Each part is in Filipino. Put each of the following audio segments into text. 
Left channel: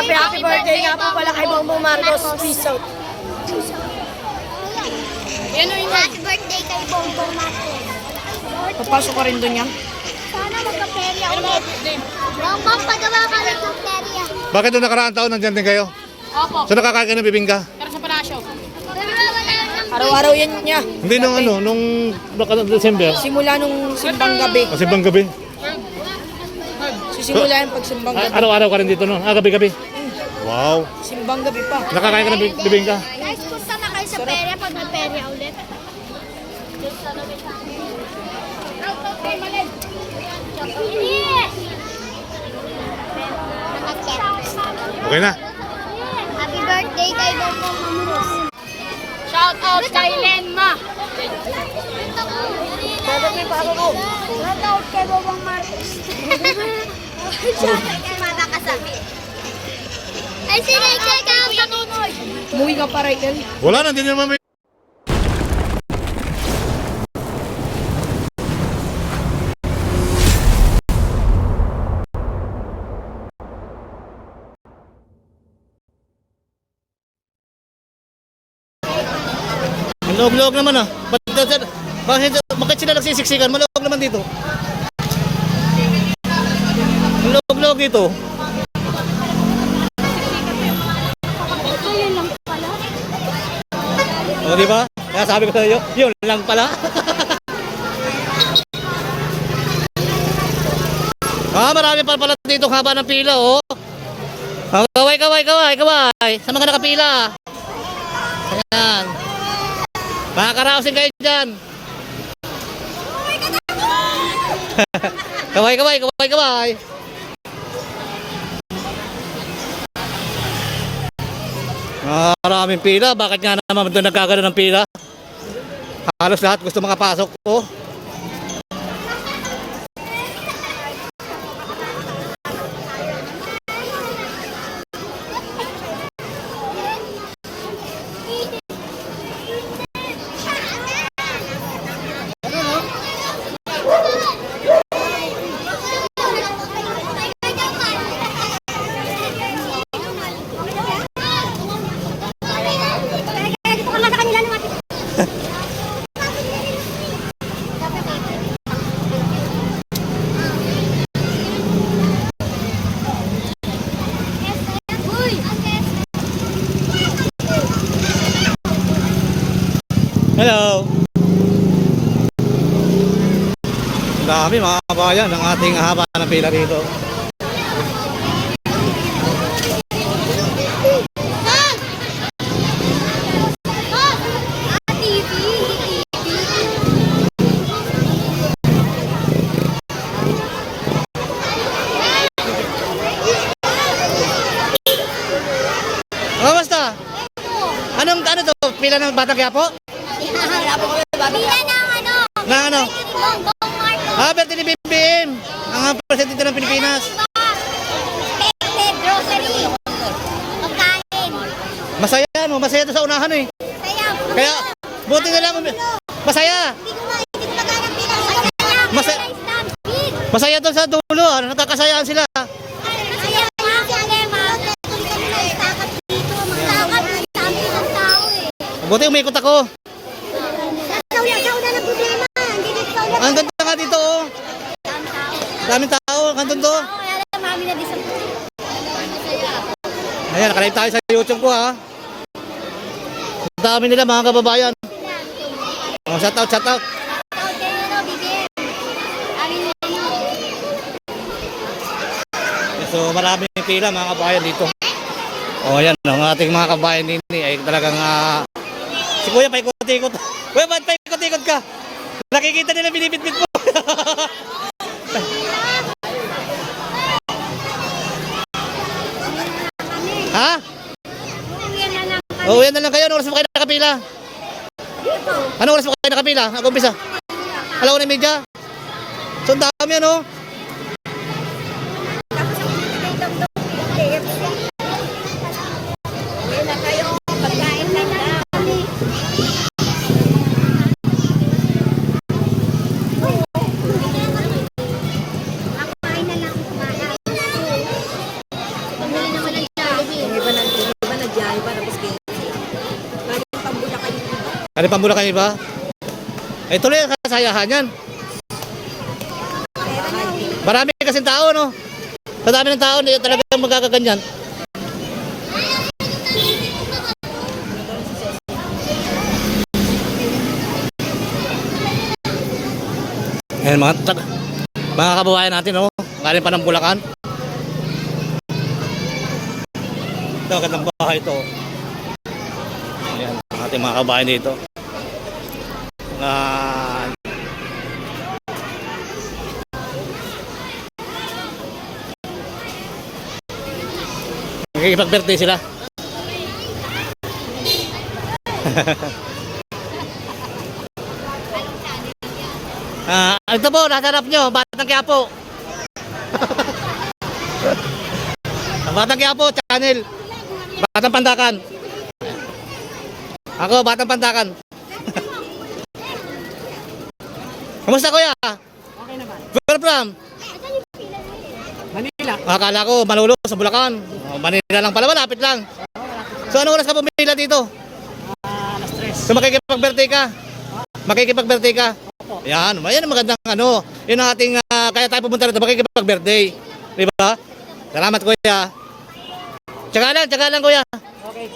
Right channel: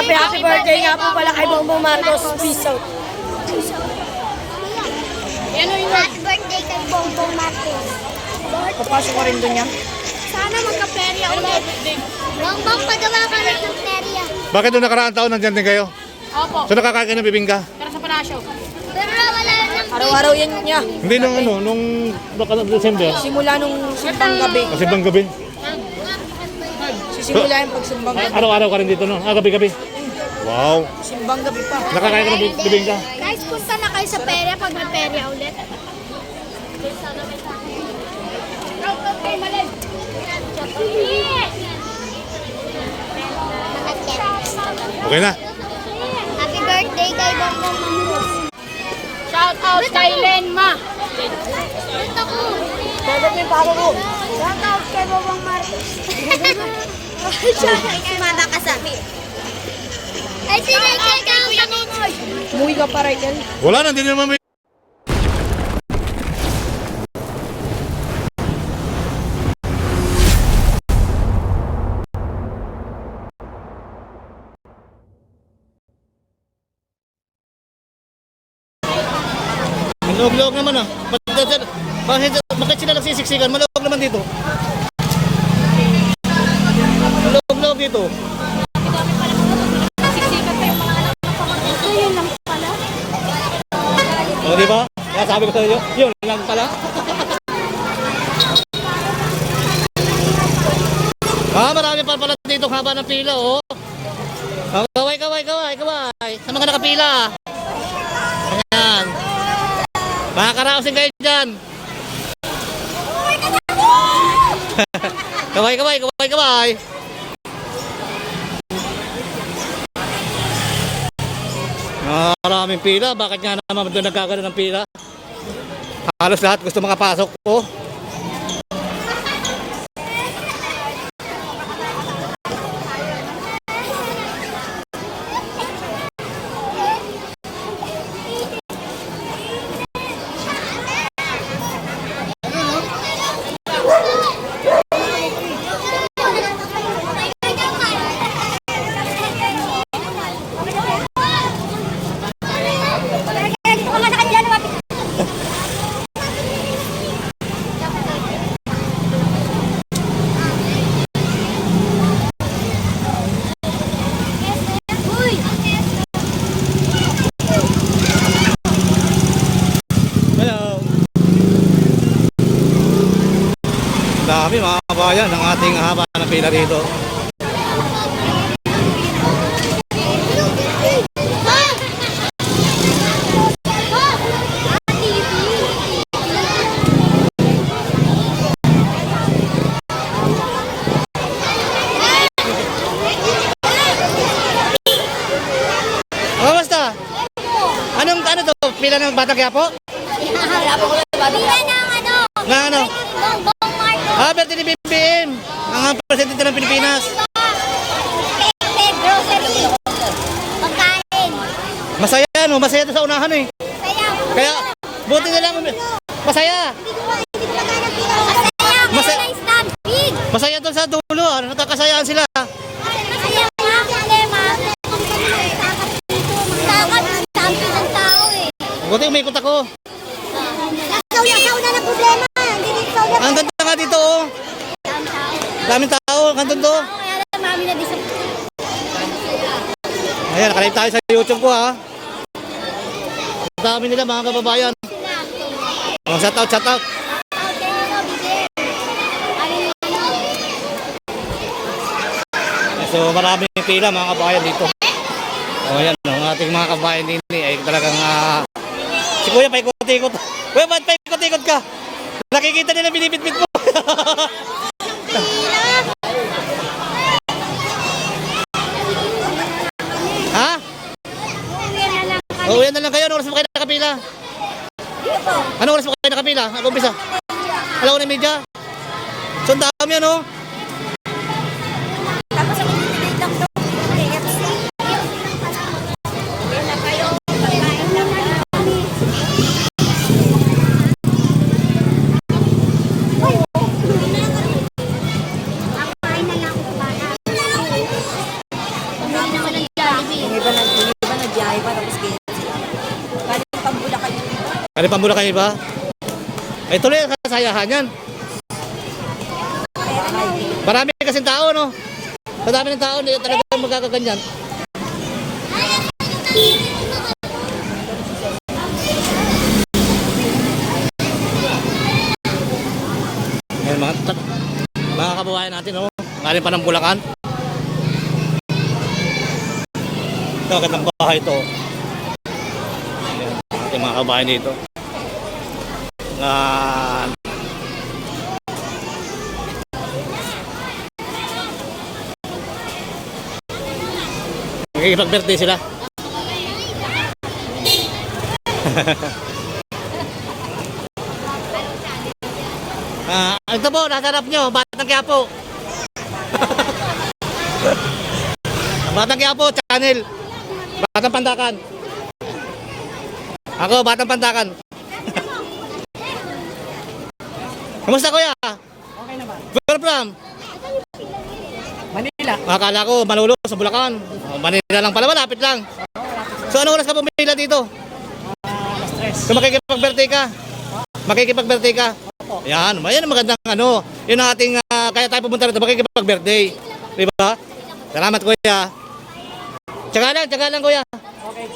Happy birthday nga po pala kay Bongbong Marcos. Peace out. Happy birthday kay Bongbong Marcos. Papasok ko rin doon yan. Sana magka-perya ulit. Bongbong, pagawa ka ulit ng perya. Bakit noong nakaraang taon nandyan din kayo? Opo. So nakakain ka ng bibingka? Para sa parasyo. Pero wala nang Araw-araw yan niya. Hindi nung ano, nung December. Simula nung simbang gabi. Kasi bang gabi? Sisimula yung pagsimbang gabi. Araw-araw ka rin dito no? Gabi-gabi. Wow. Simbang gabi pa. Nakakain ka ng bibingka? Guys, punta na kayo sa perya pag may perya ulit. Okay na. Happy birthday kay Bongbong Marcos. Shout out kay Lenma. Dadag may pako ko. Shout out kay Bongbong Marcos. Sumama ka sa amin. Ay, sinay kay Kakanoy. Umuwi ka pa rin. Wala na, hindi naman may... Maluog-luog naman ah. Bakit sila nagsisiksikan? Maluog naman dito. Maluog-luog dito. Ayun lang pala. O, di ba? Kaya sabi ko sa iyo, yun lang pala. Marami pa pala dito haba ng pila, oh. Kaway. Sa mga nakapila. Ayan. Makakaraosin kayo dyan. Kaway. Maraming pila. Bakit nga naman doon nagkagano ng pila? Halos lahat gusto makapasok po. Hello. Dami mga kabayan ng ating haba ng pila dito. Basta? Ano to? Pila ng Batang Quiapo? Pila ng ano? Na ano? Bongbong Marcos. Birthday ni BBM. Ang presidente ng Pilipinas. Pedro, pagkain. Masaya no? Masaya to sa unahan eh. Kaya, buti na lang. Masaya. Masaya to sa dulo. Nakakasayaan sila. Masaya nga, problema. Buti umikot ako. Nauna na problema. Ang ganda nga dito oh. Daming tao. Kanton to. Kaya lang, mami na disappoint. Ayan, nakalive tayo sa YouTube ko ha. Ang dami nila mga kababayan. Oh, shout out. So maraming pila mga kabayan dito. Oh, ayan, ang ating mga kabayan din ay talagang si Kuya paikot-ikot. Kuya, ba't paikot-ikot ka? Nakikita nila binibitbit mo. Ha? Uwi na lang kayo. Anong oras mo kayo nakapila? Anong oras mo kayo nakapila? Umpisa? 1:30? So ang dami ano? Ano pang Bulacan iba? Eh, tuloy ang kasayahan yan. Marami kasing tao, no? Sa dami ng tao, hindi talaga magkakaganyan. Ayan mga kababayan natin, no? Galing pa ng Bulacan. Ito, magandang bahay ito. Ayan, ating mga kababayan dito. Nakikipag-birthday sila. Ito po, nasa harap nyo, Batang Quiapo. Batang Quiapo, channel. Batang Pandakan. Ako, Batang Pandakan. Kamusta kuya? Okay naman. Where from? Manila. Akala ko Manolo sa Bulacan. Manila lang pala, malapit lang. So ano oras ka pumila dito? Alas 3. So makikipag-birthday ka? Makikipag-birthday ka? Opo. Yan, yan ang magandang ano. Yun ang ating, kaya tayo pumunta rito, makikipag-birthday. Di ba? Salamat kuya. Tsaga lang kuya. Okay.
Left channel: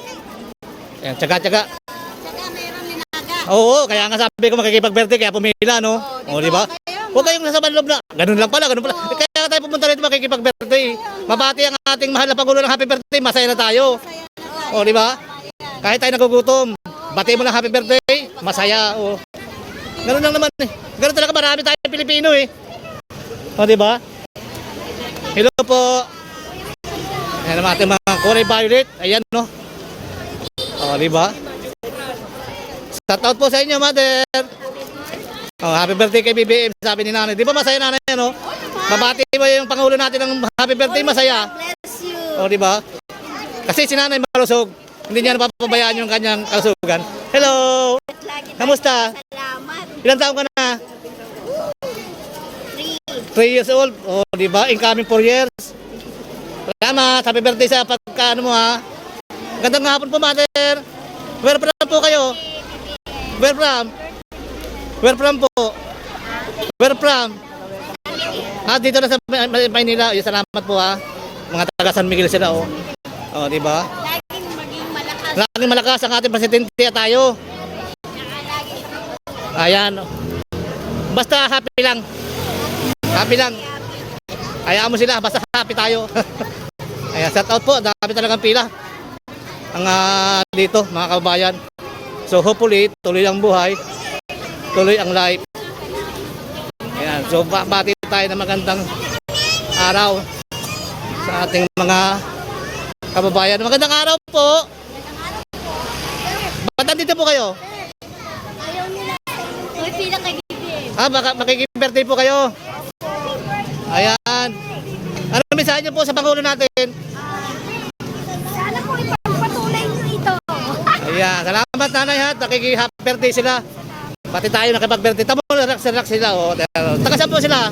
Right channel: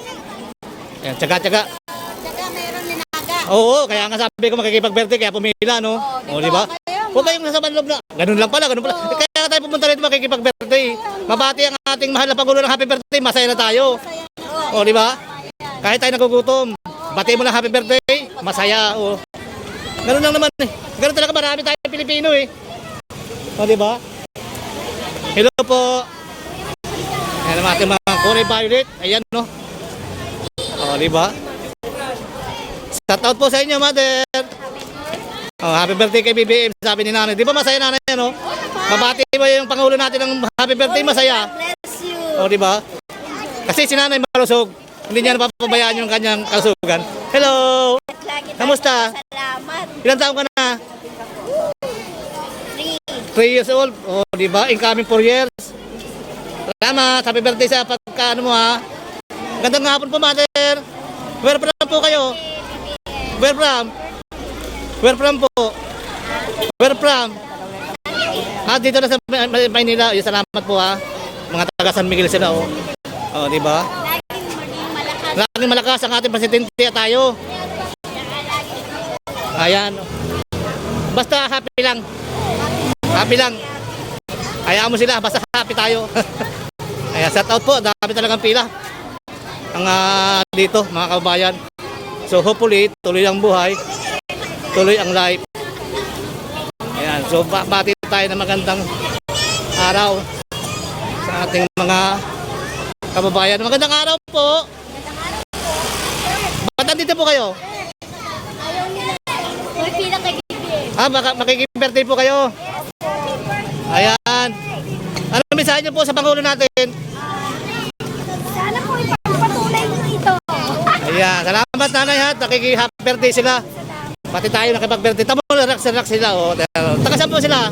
Yan, tsaga. Saka mayroon minaga. Oo, kaya nga sabi ko makikipag-birthday, kaya pumila, no? O, di ba? Huwag kayong nasa manloob na. Ganun lang pala. Kaya tayo pumunta rito makikipag-birthday. Mabati ang ating mahal na Pangulo ng happy birthday, masaya na tayo. O, di ba? Kahit tayo nagugutom, bati mo lang happy birthday, masaya. O. Ganun lang naman eh. Ganun talaga marami tayong Pilipino eh. O, di ba? Hello po. Ayan ang ating mga Corey Violet. Ayan, no? O, di ba? Shout out po sa inyo, mother. Oh, happy birthday kay BBM, sabi ni nanay. Di ba masaya nanay, no? Mabati mo yung Pangulo natin ng happy birthday, masaya. Bless you. O, di ba? Kasi si nanay malusog. Hindi niya napapabayaan yung kanyang kalusugan. Hello! Kamusta? Salamat. Ilang taon ka na? 3 years old. O, di ba? Incoming 4 years. Salamat. Happy birthday sa pagka, ano mo, ha? Gandang hapon po, mother. Where from po kayo? Where from? Where from po? Where from? Dito na sa Maynila. Salamat po, ha. Mga taga San Miguel sila, oh. Oh, di ba? Laging malakas ang ating presidente at tayo. Ayan. Basta happy lang. Happy lang. Hayaan mo sila, basta happy tayo. Ayan, shout out po. Dami talagang pila. Ang dito, mga kabayan. So hopefully, tuloy ang buhay. Tuloy ang life. Ayan, so bati tayo ng magandang araw sa ating mga kababayan. Magandang araw po. Ba't nandito po kayo? May pila kay BBM. Makikipag-birthday po kayo. Ayan. Ano mensahe niyo po sa Pangulo natin? Sana po ipagpatuloy niyo ito. Ayan. Salamat nanay ha. Nakiki-happy birthday sila. Pati tayo nakipag-birthday. Tamo, relax sila. Oh. Taga saan po sila?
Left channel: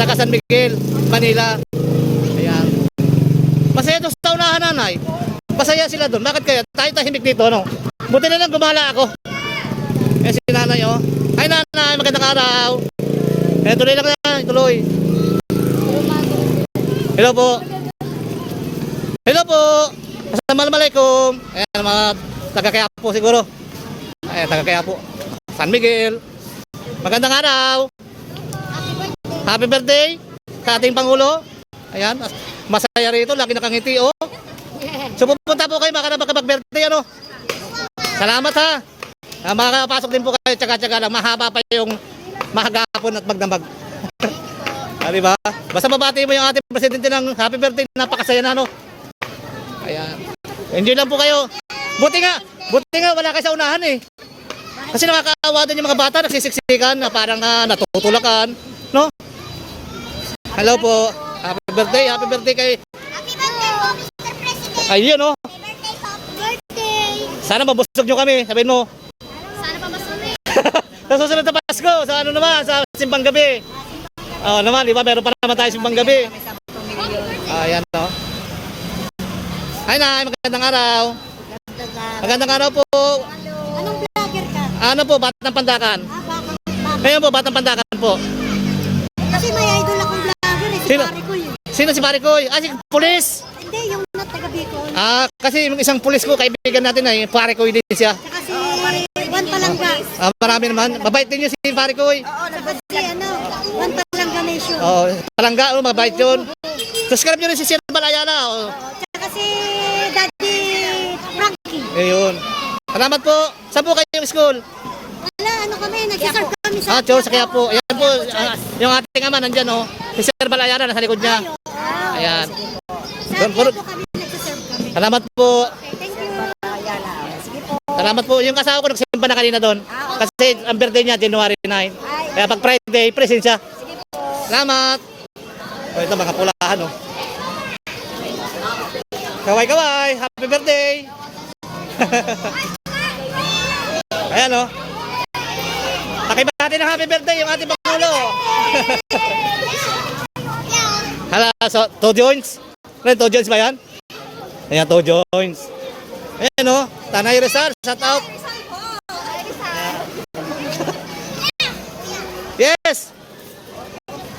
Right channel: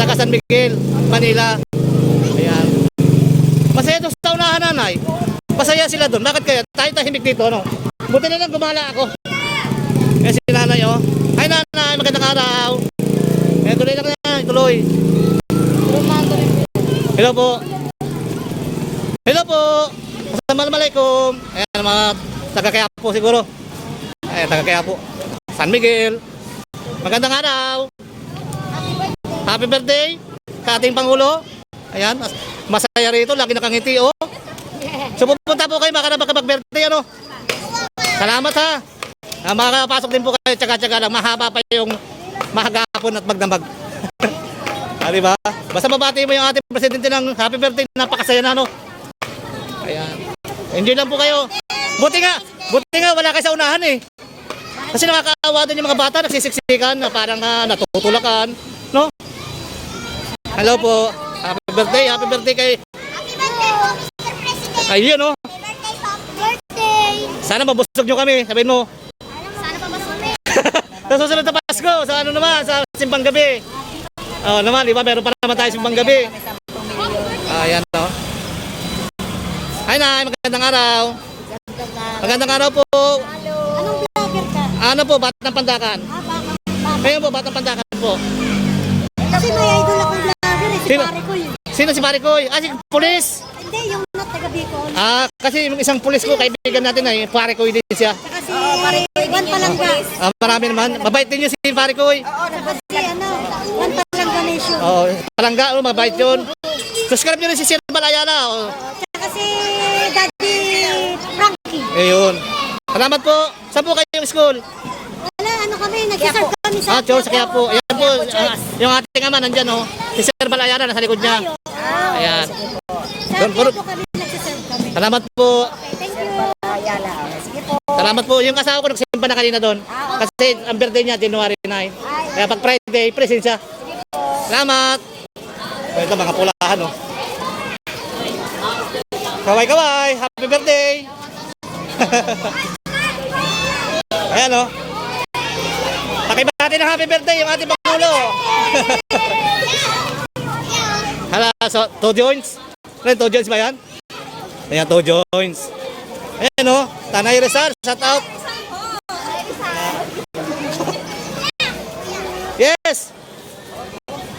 Taga San Miguel, Manila. Ayan. Masaya ito sa unahan nanay. Masaya sila doon. Bakit kaya? Tayo tahimik dito, no? Buti na lang gumala ako. Ayan si nanay, oh. Hi nanay, magandang araw. Tuloy lang na, tuloy. Hello po. Hello po. Assalamualaikum. Ayan, mga taga-Quiapo siguro. Ayan, taga-Quiapo. San Miguel. Magandang araw. Happy birthday sa ating Pangulo. Ayan, masaya rito. Lagi nakangiti, oh. So pupunta po kayo, makakapag-birthday, ano? Salamat ha. Makakapasok din po kayo, tsaga-tsaga lang. Mahaba pa yung mahagapon at magdamag. Diba? Basta mabati mo yung ating presidente ng happy birthday, napakasaya na, no? Ayan. Enjoy lang po kayo. Buti nga wala kayo sa unahan eh. Kasi nakakaawa din yung mga bata, nagsisiksikan na parang natutulakan, no? Hello po. Happy birthday kay... Ayun, no? Birthday. Sana mabusog nyo kami, sabihin mo. Sana pa masulit. Sa susunod na Pasko, sa ano naman, sa simbang gabi. Naman, di ba? Meron pa naman tayo simbang gabi. Ayan, no? Hi, Nay. Magandang araw. Magandang araw po. Anong vlogger Ano po, Batang Pandakan? Baka. Ayun po, Batang Pandakan po. Kasi may idol akong vlogger, si Sino? pare ko yun. Sino si Parikoy? Ah, si pulis. Hindi, yung not taga Bicol. Ah, kasi yung isang pulis ko, kaibigan natin ay Parikoy din siya. Tsaka si Juan Palangga. Ah, marami naman. Mabait din yun si Parikoy. Tsaka si Juan Palangga Nation. Oo, Palangga, oh, mabait yun. Subscribe nyo rin si Sir Balayana. Oh. Tsaka si Daddy Frankie. Ayun. Salamat po. Saan po kayo yung school? Wala, ano kami, nagsiserve kami sa... Ah, Diyos, kaya po. Ayan po, yung ating ama nandyan, oh. Si Sir Balayana, nasa likod niya. Ayan. Sa po kami, nagsiserve kami. Salamat po. Okay, thank you. Salamat po. Yung kasama ko nagsimba na kanina doon. Kasi ang birthday niya, January 9. Kaya pag Friday, present siya. Salamat. Oh, ito mga pulahan, oh. Kaway-kaway. Happy birthday. Ayan, oh. Pakibati ng happy birthday yung ating Pangulo. Hala, so, two joints. Ano, two joints ba yan? Ayan, two joints. Ayan, oh. Tanay Rizal, shout out. Yes.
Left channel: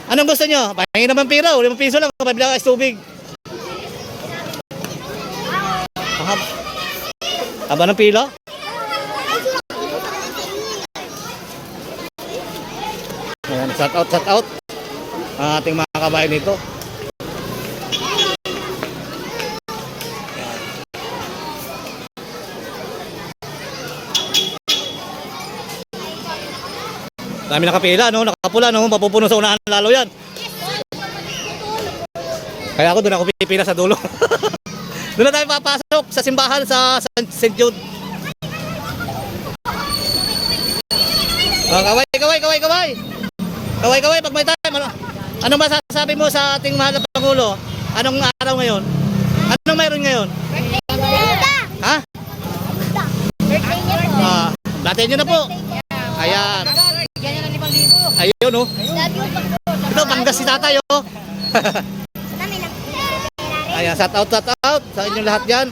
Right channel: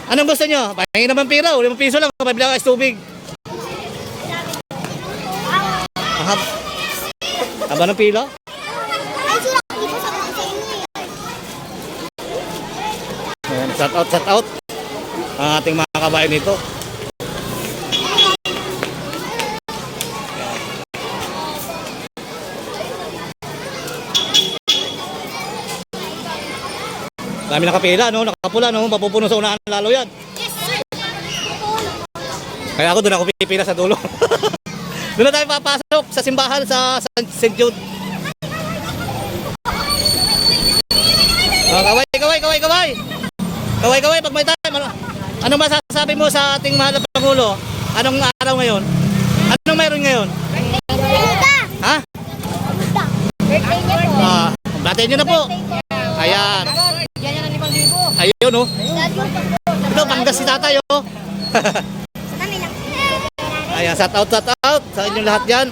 Anong gusto nyo? Pahingin naman pira. 5 piso lang. Pabila ka tubig. Haba ng pila? Ayan, shout out, shout out. Ang ating mga kabayan nito. Dami nakapila, no? Nakapula, no? Mapupuno sa unahan lalo yan. Kaya ako doon ako pipila sa dulo. Doon na tayo papasok sa simbahan sa St. Jude. Oh, kaway, kaway, kaway, kaway. Kaway, kaway, pag may time. Anong masasabi mo sa ating mahal na Pangulo? Anong araw ngayon? Anong mayroon ngayon? Ha? Birthday niya po. Ah, batiin nyo na po. Ayan. Ayun, oh. Ito, banggas si tatay, oh. Ayan, shout out sa inyong lahat dyan.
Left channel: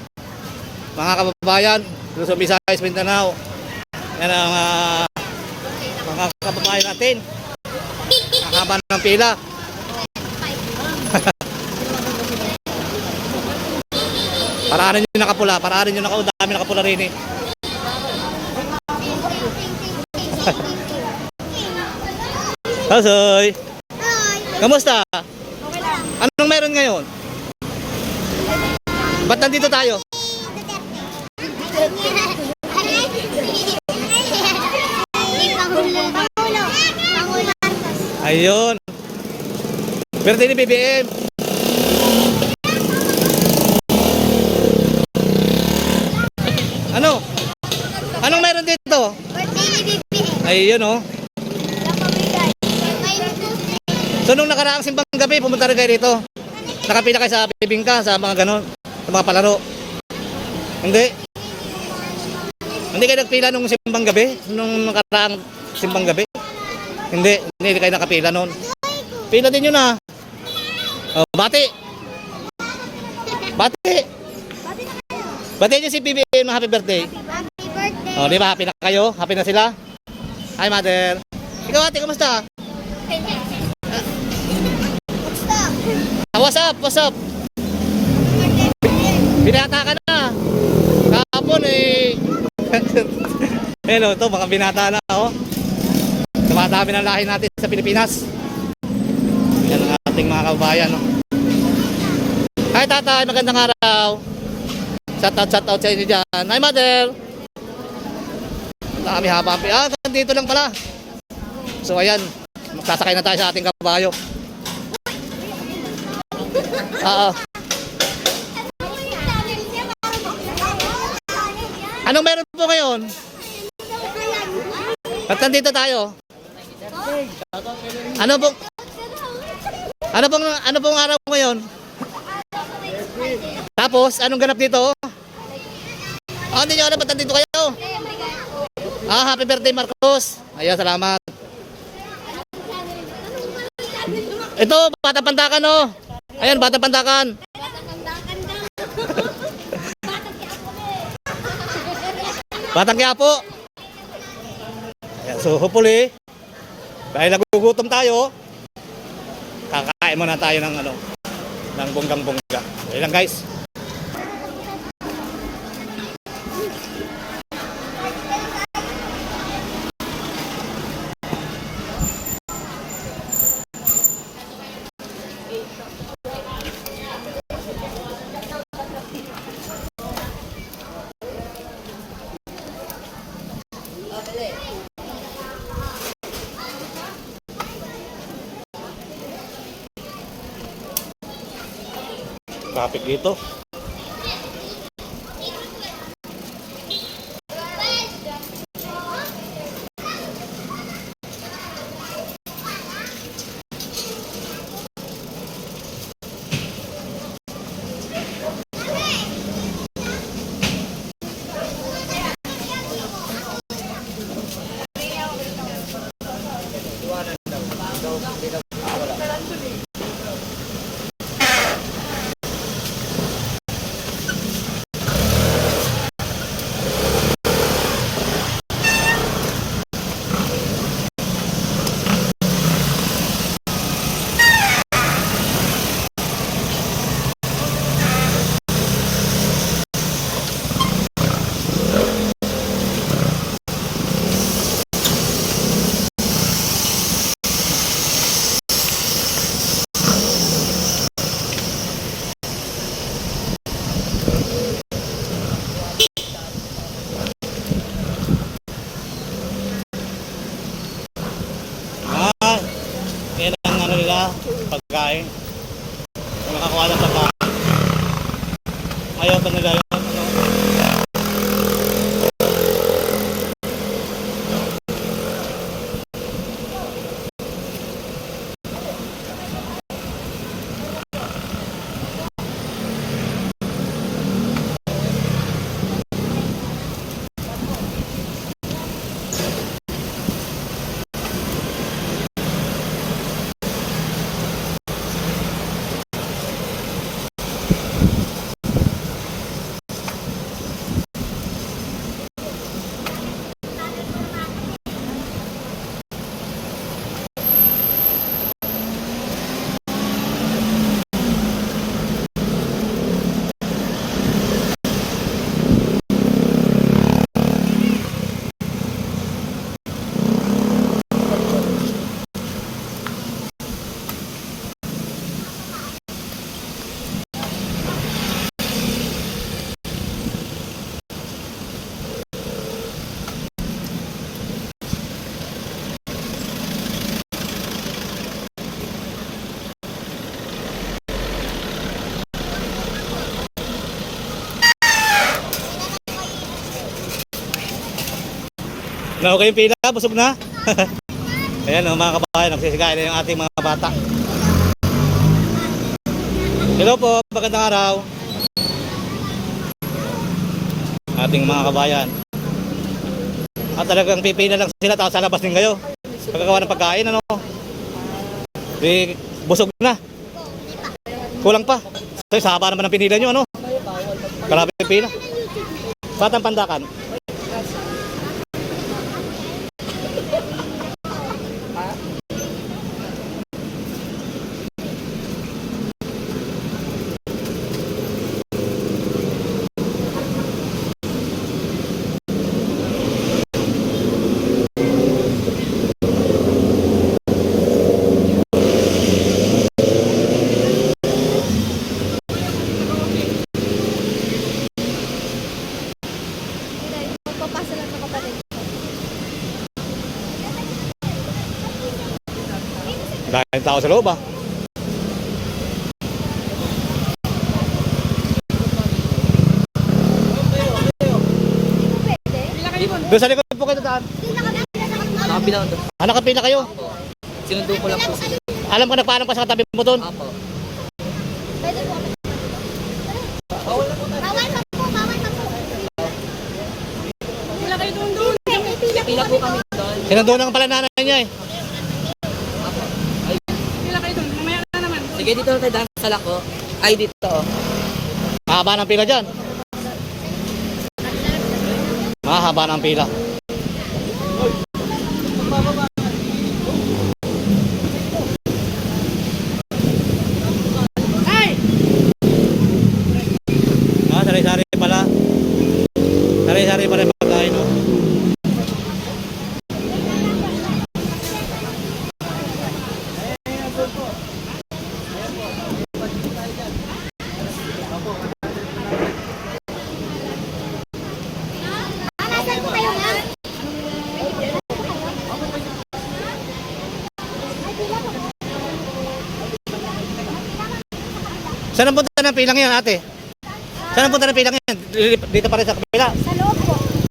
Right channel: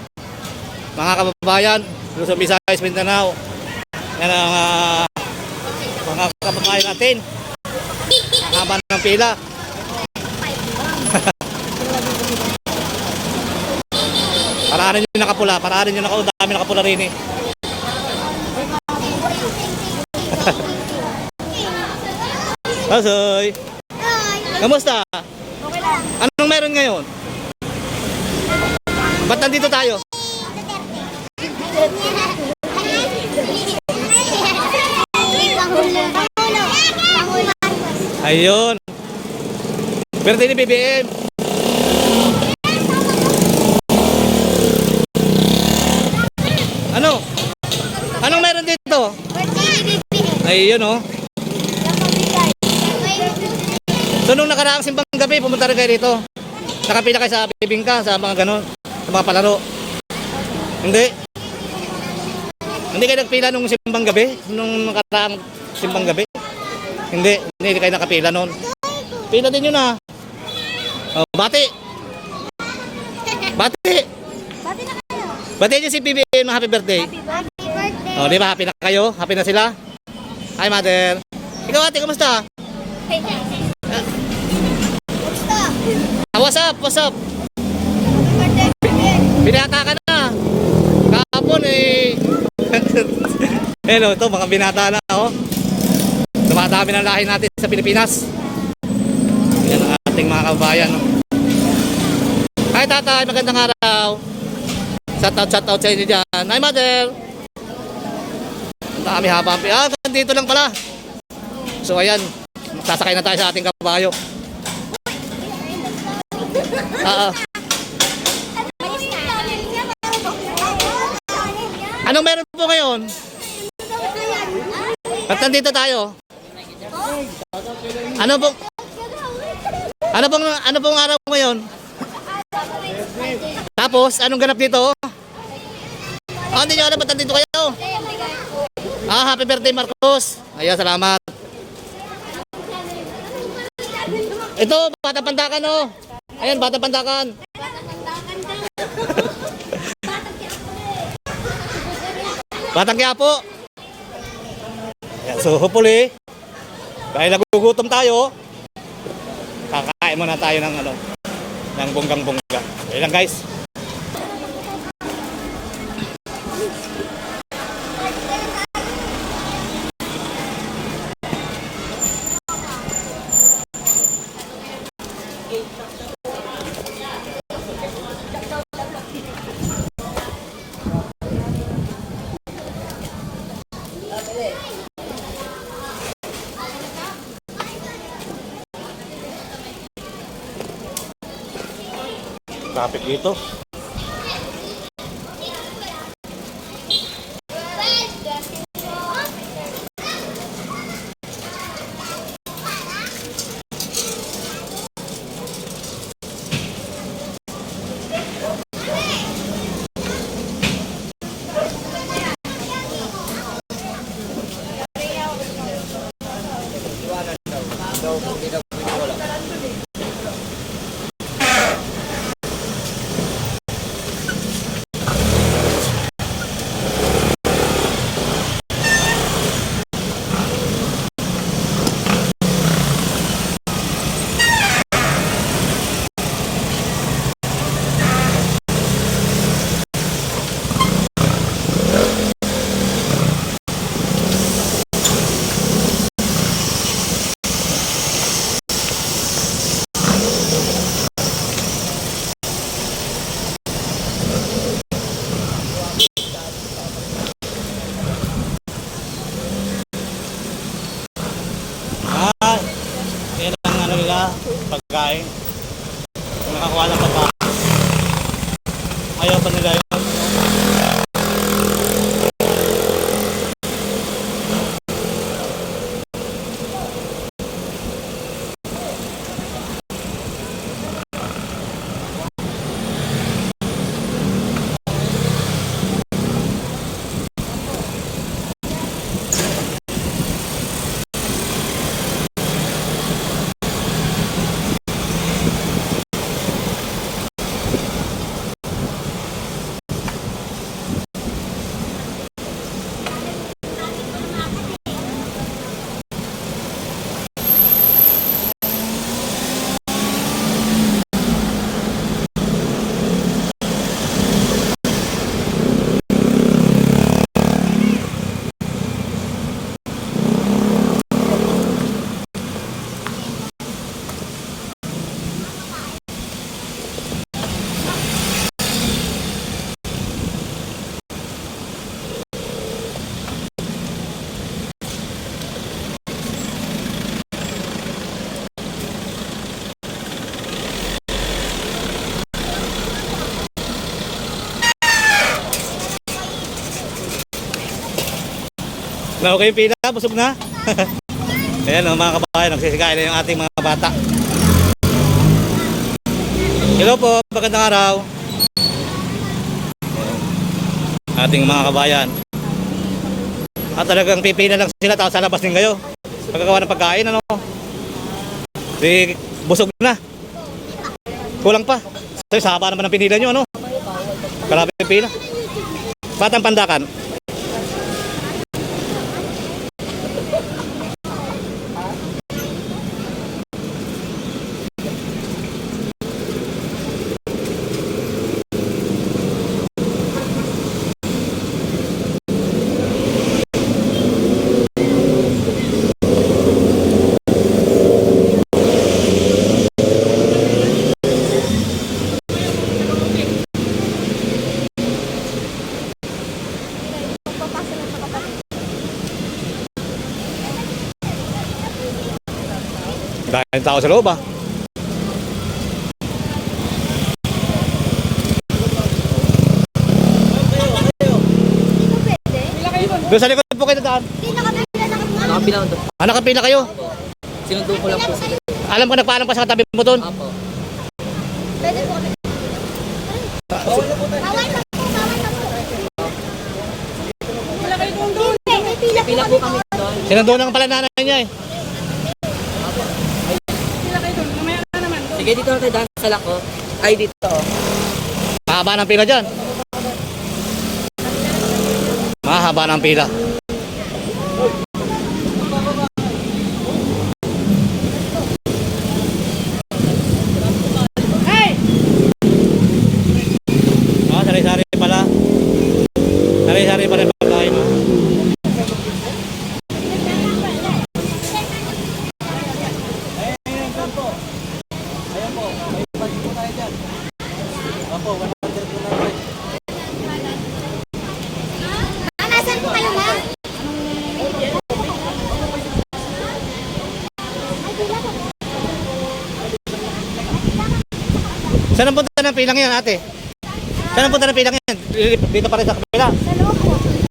Mga kababayan, Luzon, Visayas, Mindanao. Yan ang mga kababayan natin. Ang haba ng pila. Paraanin nyo nakapula, paraanin nyo nakapula. Dami nakapula rin eh. Hasoy! Kamusta? Anong meron ngayon? Ba't nandito tayo? Ayun. Birthday ni BBM. Ano? Anong meron dito? Ayun, oh. So nung nakaraang simbang gabi, pumunta rin kayo dito. Nakapila kayo sa bibingka, sa mga ganon, sa mga palaro. Hindi. Hindi kayo nagpila nung simbang gabi? Nung nakaraang simbang gabi? Hindi kayo nakapila noon. Pila din yun ah. Oh, bati. Bati. Bati niyo si BBM ng happy birthday. Oh, di ba happy na kayo? Happy na sila? Hi mother. Ikaw ate, kumusta? What's up? What's up? Binata ka na. Kahapon eh. Hello, ito mga binata na oh. Dumadami ng lahi natin sa Pilipinas. Yan ang ating mga kababayan oh. Hi tatay, magandang araw. Shout out sa inyo dyan. Hi mother. Ang dami haba. Ah, dito lang pala. So ayan, magsasakay na tayo sa ating kabayo. Anong meron po ngayon? Ba't nandito tayo? Ano pong araw ngayon? Tapos, anong ganap dito? Ah, hindi nyo alam ba't nandito kayo? Ah, happy birthday Marcos. Ayan, salamat. Ito, Batang Pandakan oh. Ayan, Batang Pandakan. Batang Quiapo. So hopefully, dahil nagugutom tayo, kakain muna tayo ng ano, ng bonggang-bongga. Ayun lang guys. Traffic dito. Yan ang ano nila, pagkain. Kung nakakuha ng pagkain. Ayaw pa nila yun. Ano? Na okay yung pila, busog na. Ayan mga kabayan, nagsisikain na yung ating mga bata. Hello po, magandang araw. Ating mga kabayan. At talagang pipila lang sila, tapos sa labas din kayo. Pagkakawa ng pagkain, ano? Di, busog na. Kulang pa. So, sa haba naman ang pinila nyo, ano? Grabe yung pila. Batang Pandakan. Dahil tao sa loob ah. Doon sa likod po kayo daan. Nakapila ko doon. Nakapila kayo? Sinundo ko lang po sila. Alam ko nagpaalam pa sa katabi mo doon. Apo. Pwede po kami. Bawal na po. Pila po kami doon. Sinundo lang pala nanay niya eh. Apo. Ay. Sige, dito na tayo dahil sa lako. Ay, dito. Mahaba ng pila dyan. Mahaba ng pila. Saan ang punta ng pilang yan, ate? Saan ang punta ng pilang yan? Dito pa rin sa kapila.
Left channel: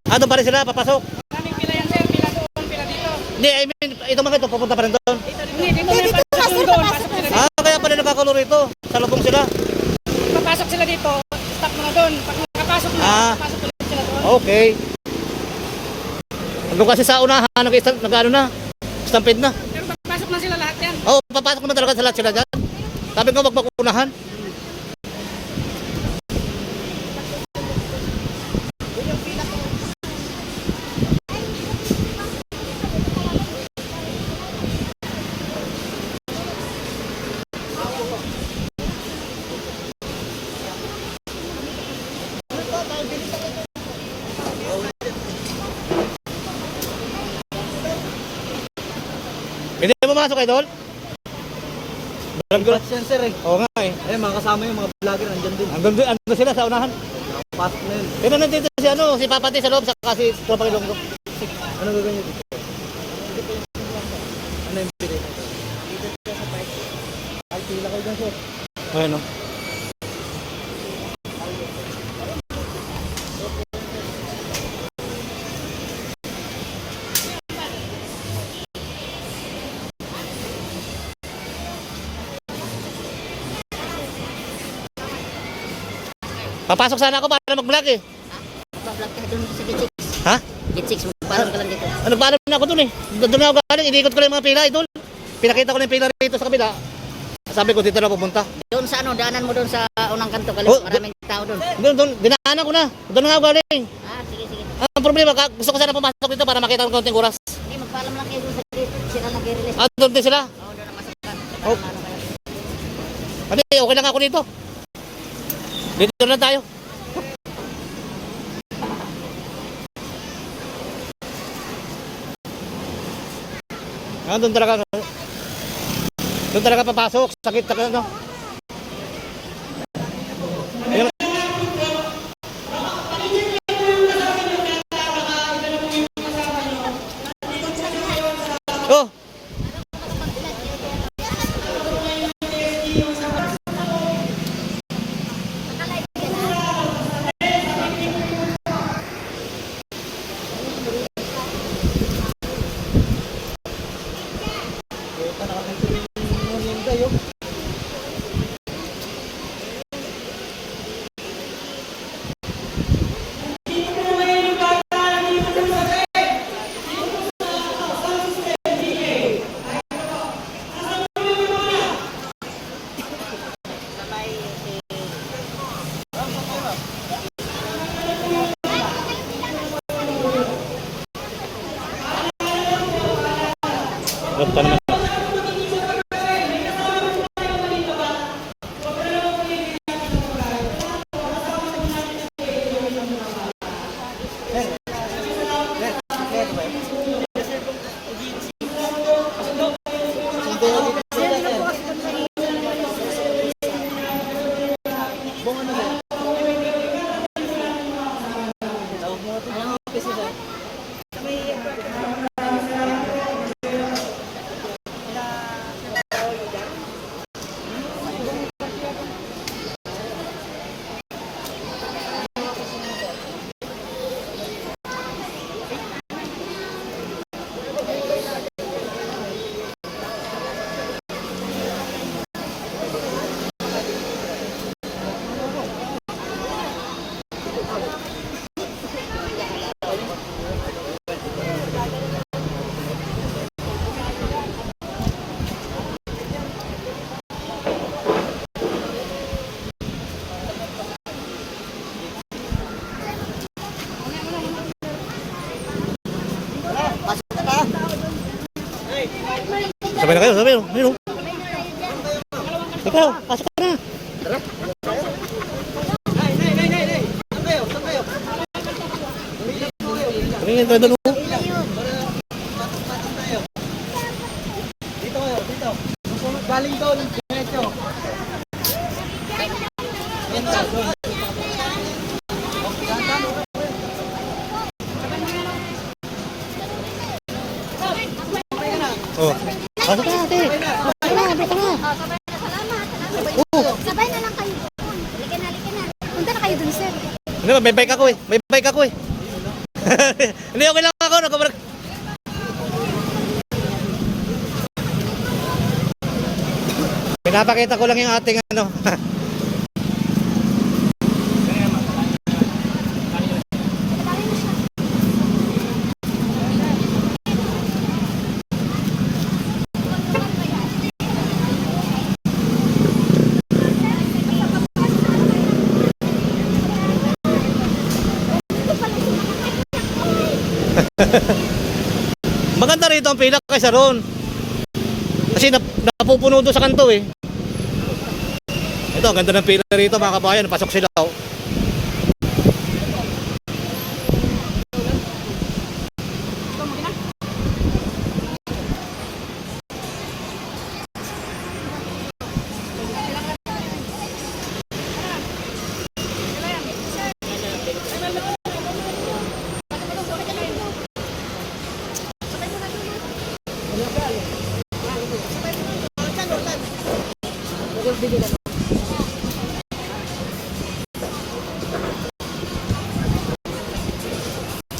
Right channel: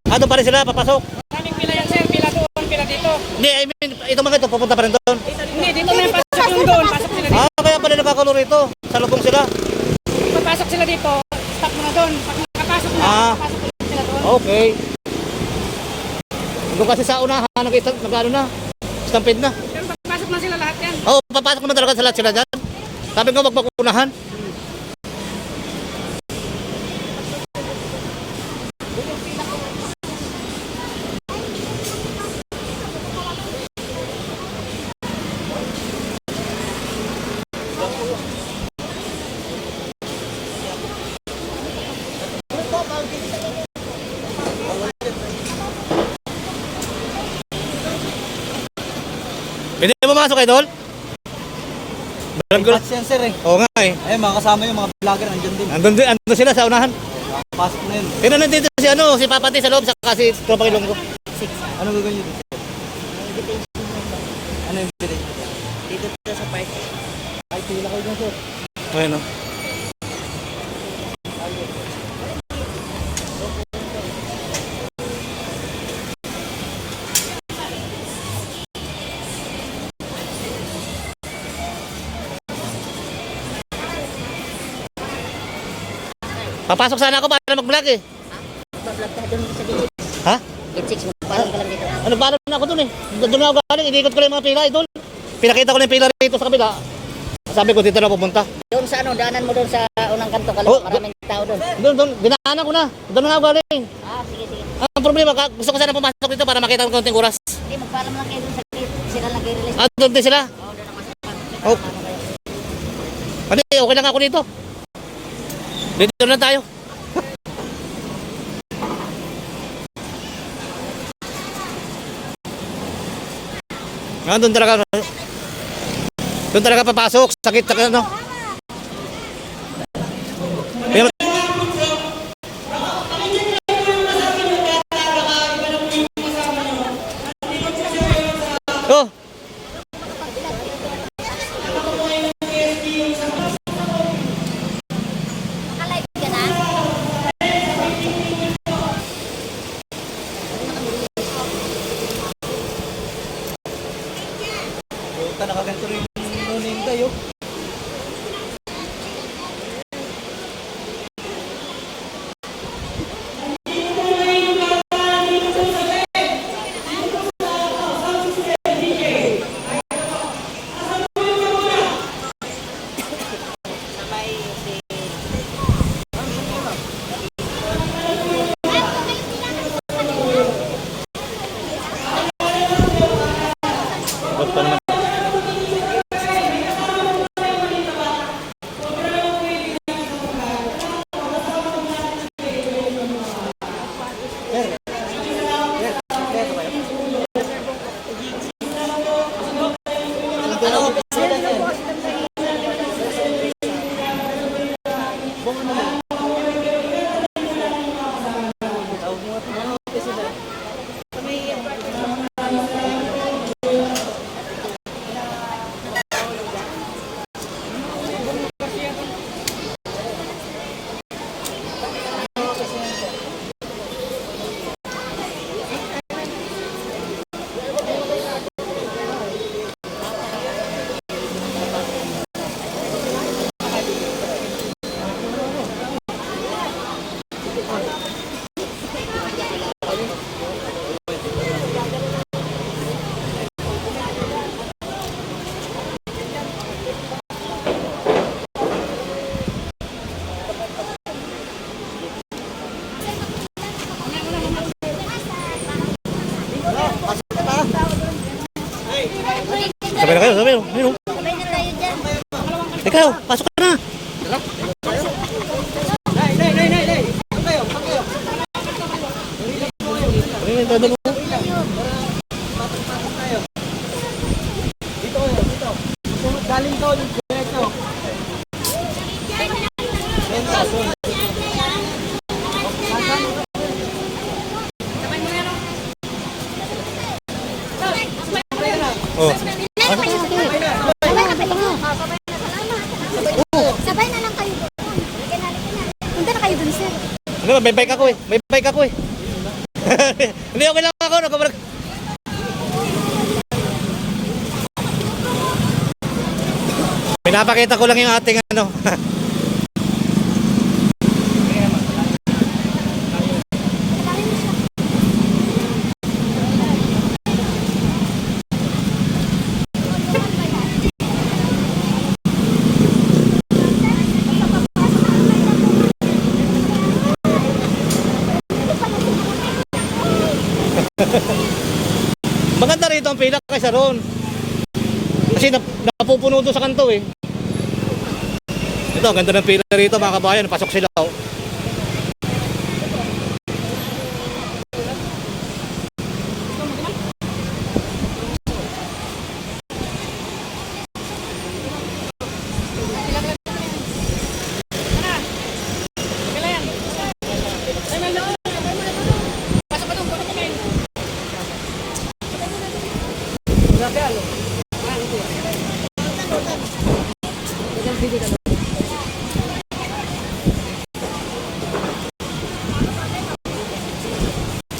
Doon pa rin sila, papasok. Kaming pila yan sir, pila doon, pila dito. Hindi, I mean, ito mga ito, pupunta pa rin doon. Hindi, dito may pasok yung doon, pasok sila dito. Kaya pala nagkakulo rito. Sa lubong sila. Papasok sila dito, stop mo na doon. Pag nakapasok na, pasok sila doon. Okay. Doon kasi sa unahan, nag-ano na. Stampede na. Pero papasok na sila lahat yan. Papasok naman talaga sa lahat sila dyan. Sabi ko, wag mag-unahan. Pwede mo masok, idol? Barangay. Yan sir eh. Oo nga eh. Ayun, mga kasama yung mga vlogger nandiyan din. Andun sila sa unahan. Pasok na yun. Pero nandito si Papati sa loob, saka si Tropang Ilonggo. Ano gagawin nyo dito? Ano yung pili? Dito sa park. Ay, pila kayo dyan sir. Ayun o. Papasok sana ako para mag-vlog eh. Vlog ka dun sa Gate 6. Ha? Gate 6, parang ka lang dito. Ano ba na ako dun eh. Doon na ako galing, inikot ko lang yung mga pila idol. Pinakita ko na yung pila rito sa kabila. Sabi ko dito na pupunta. Doon sa ano, daanan mo doon sa unang kanto. Oh, Maraming tao doon. Doon, binaanan ko na. Doon na ako galing. Sige, sige. Ang problema, gusto ko sana pumasok dito para makita ko konting oras. Hindi, magpaalam lang kayo doon sa gate. Sila nag-release. Doon din sila. Oo, doon ang masakay. Oh. Hindi, okay lang ako dito. Dito na tayo. Doon talaga papasok. Sakit ano. Oh. Nakaganto rin yung tayo. Huwag pa naman. Sabay na kayo, sabay. Ayun. Ikaw, pasok ka na. Dito Galing daw yung ito. Oh. Sabay na lang kayo. sir. Hindi, may bike ako eh. May bike ako eh. Hindi, okay lang ako. Nagkabalag. Pinapakita ko lang yung ating ano. Maganda rito ang pila kaysa roon. Kasi napupuno doon sa kanto eh. Ito, ang ganda ng pila rito mga kabayan. Pasok sila oh.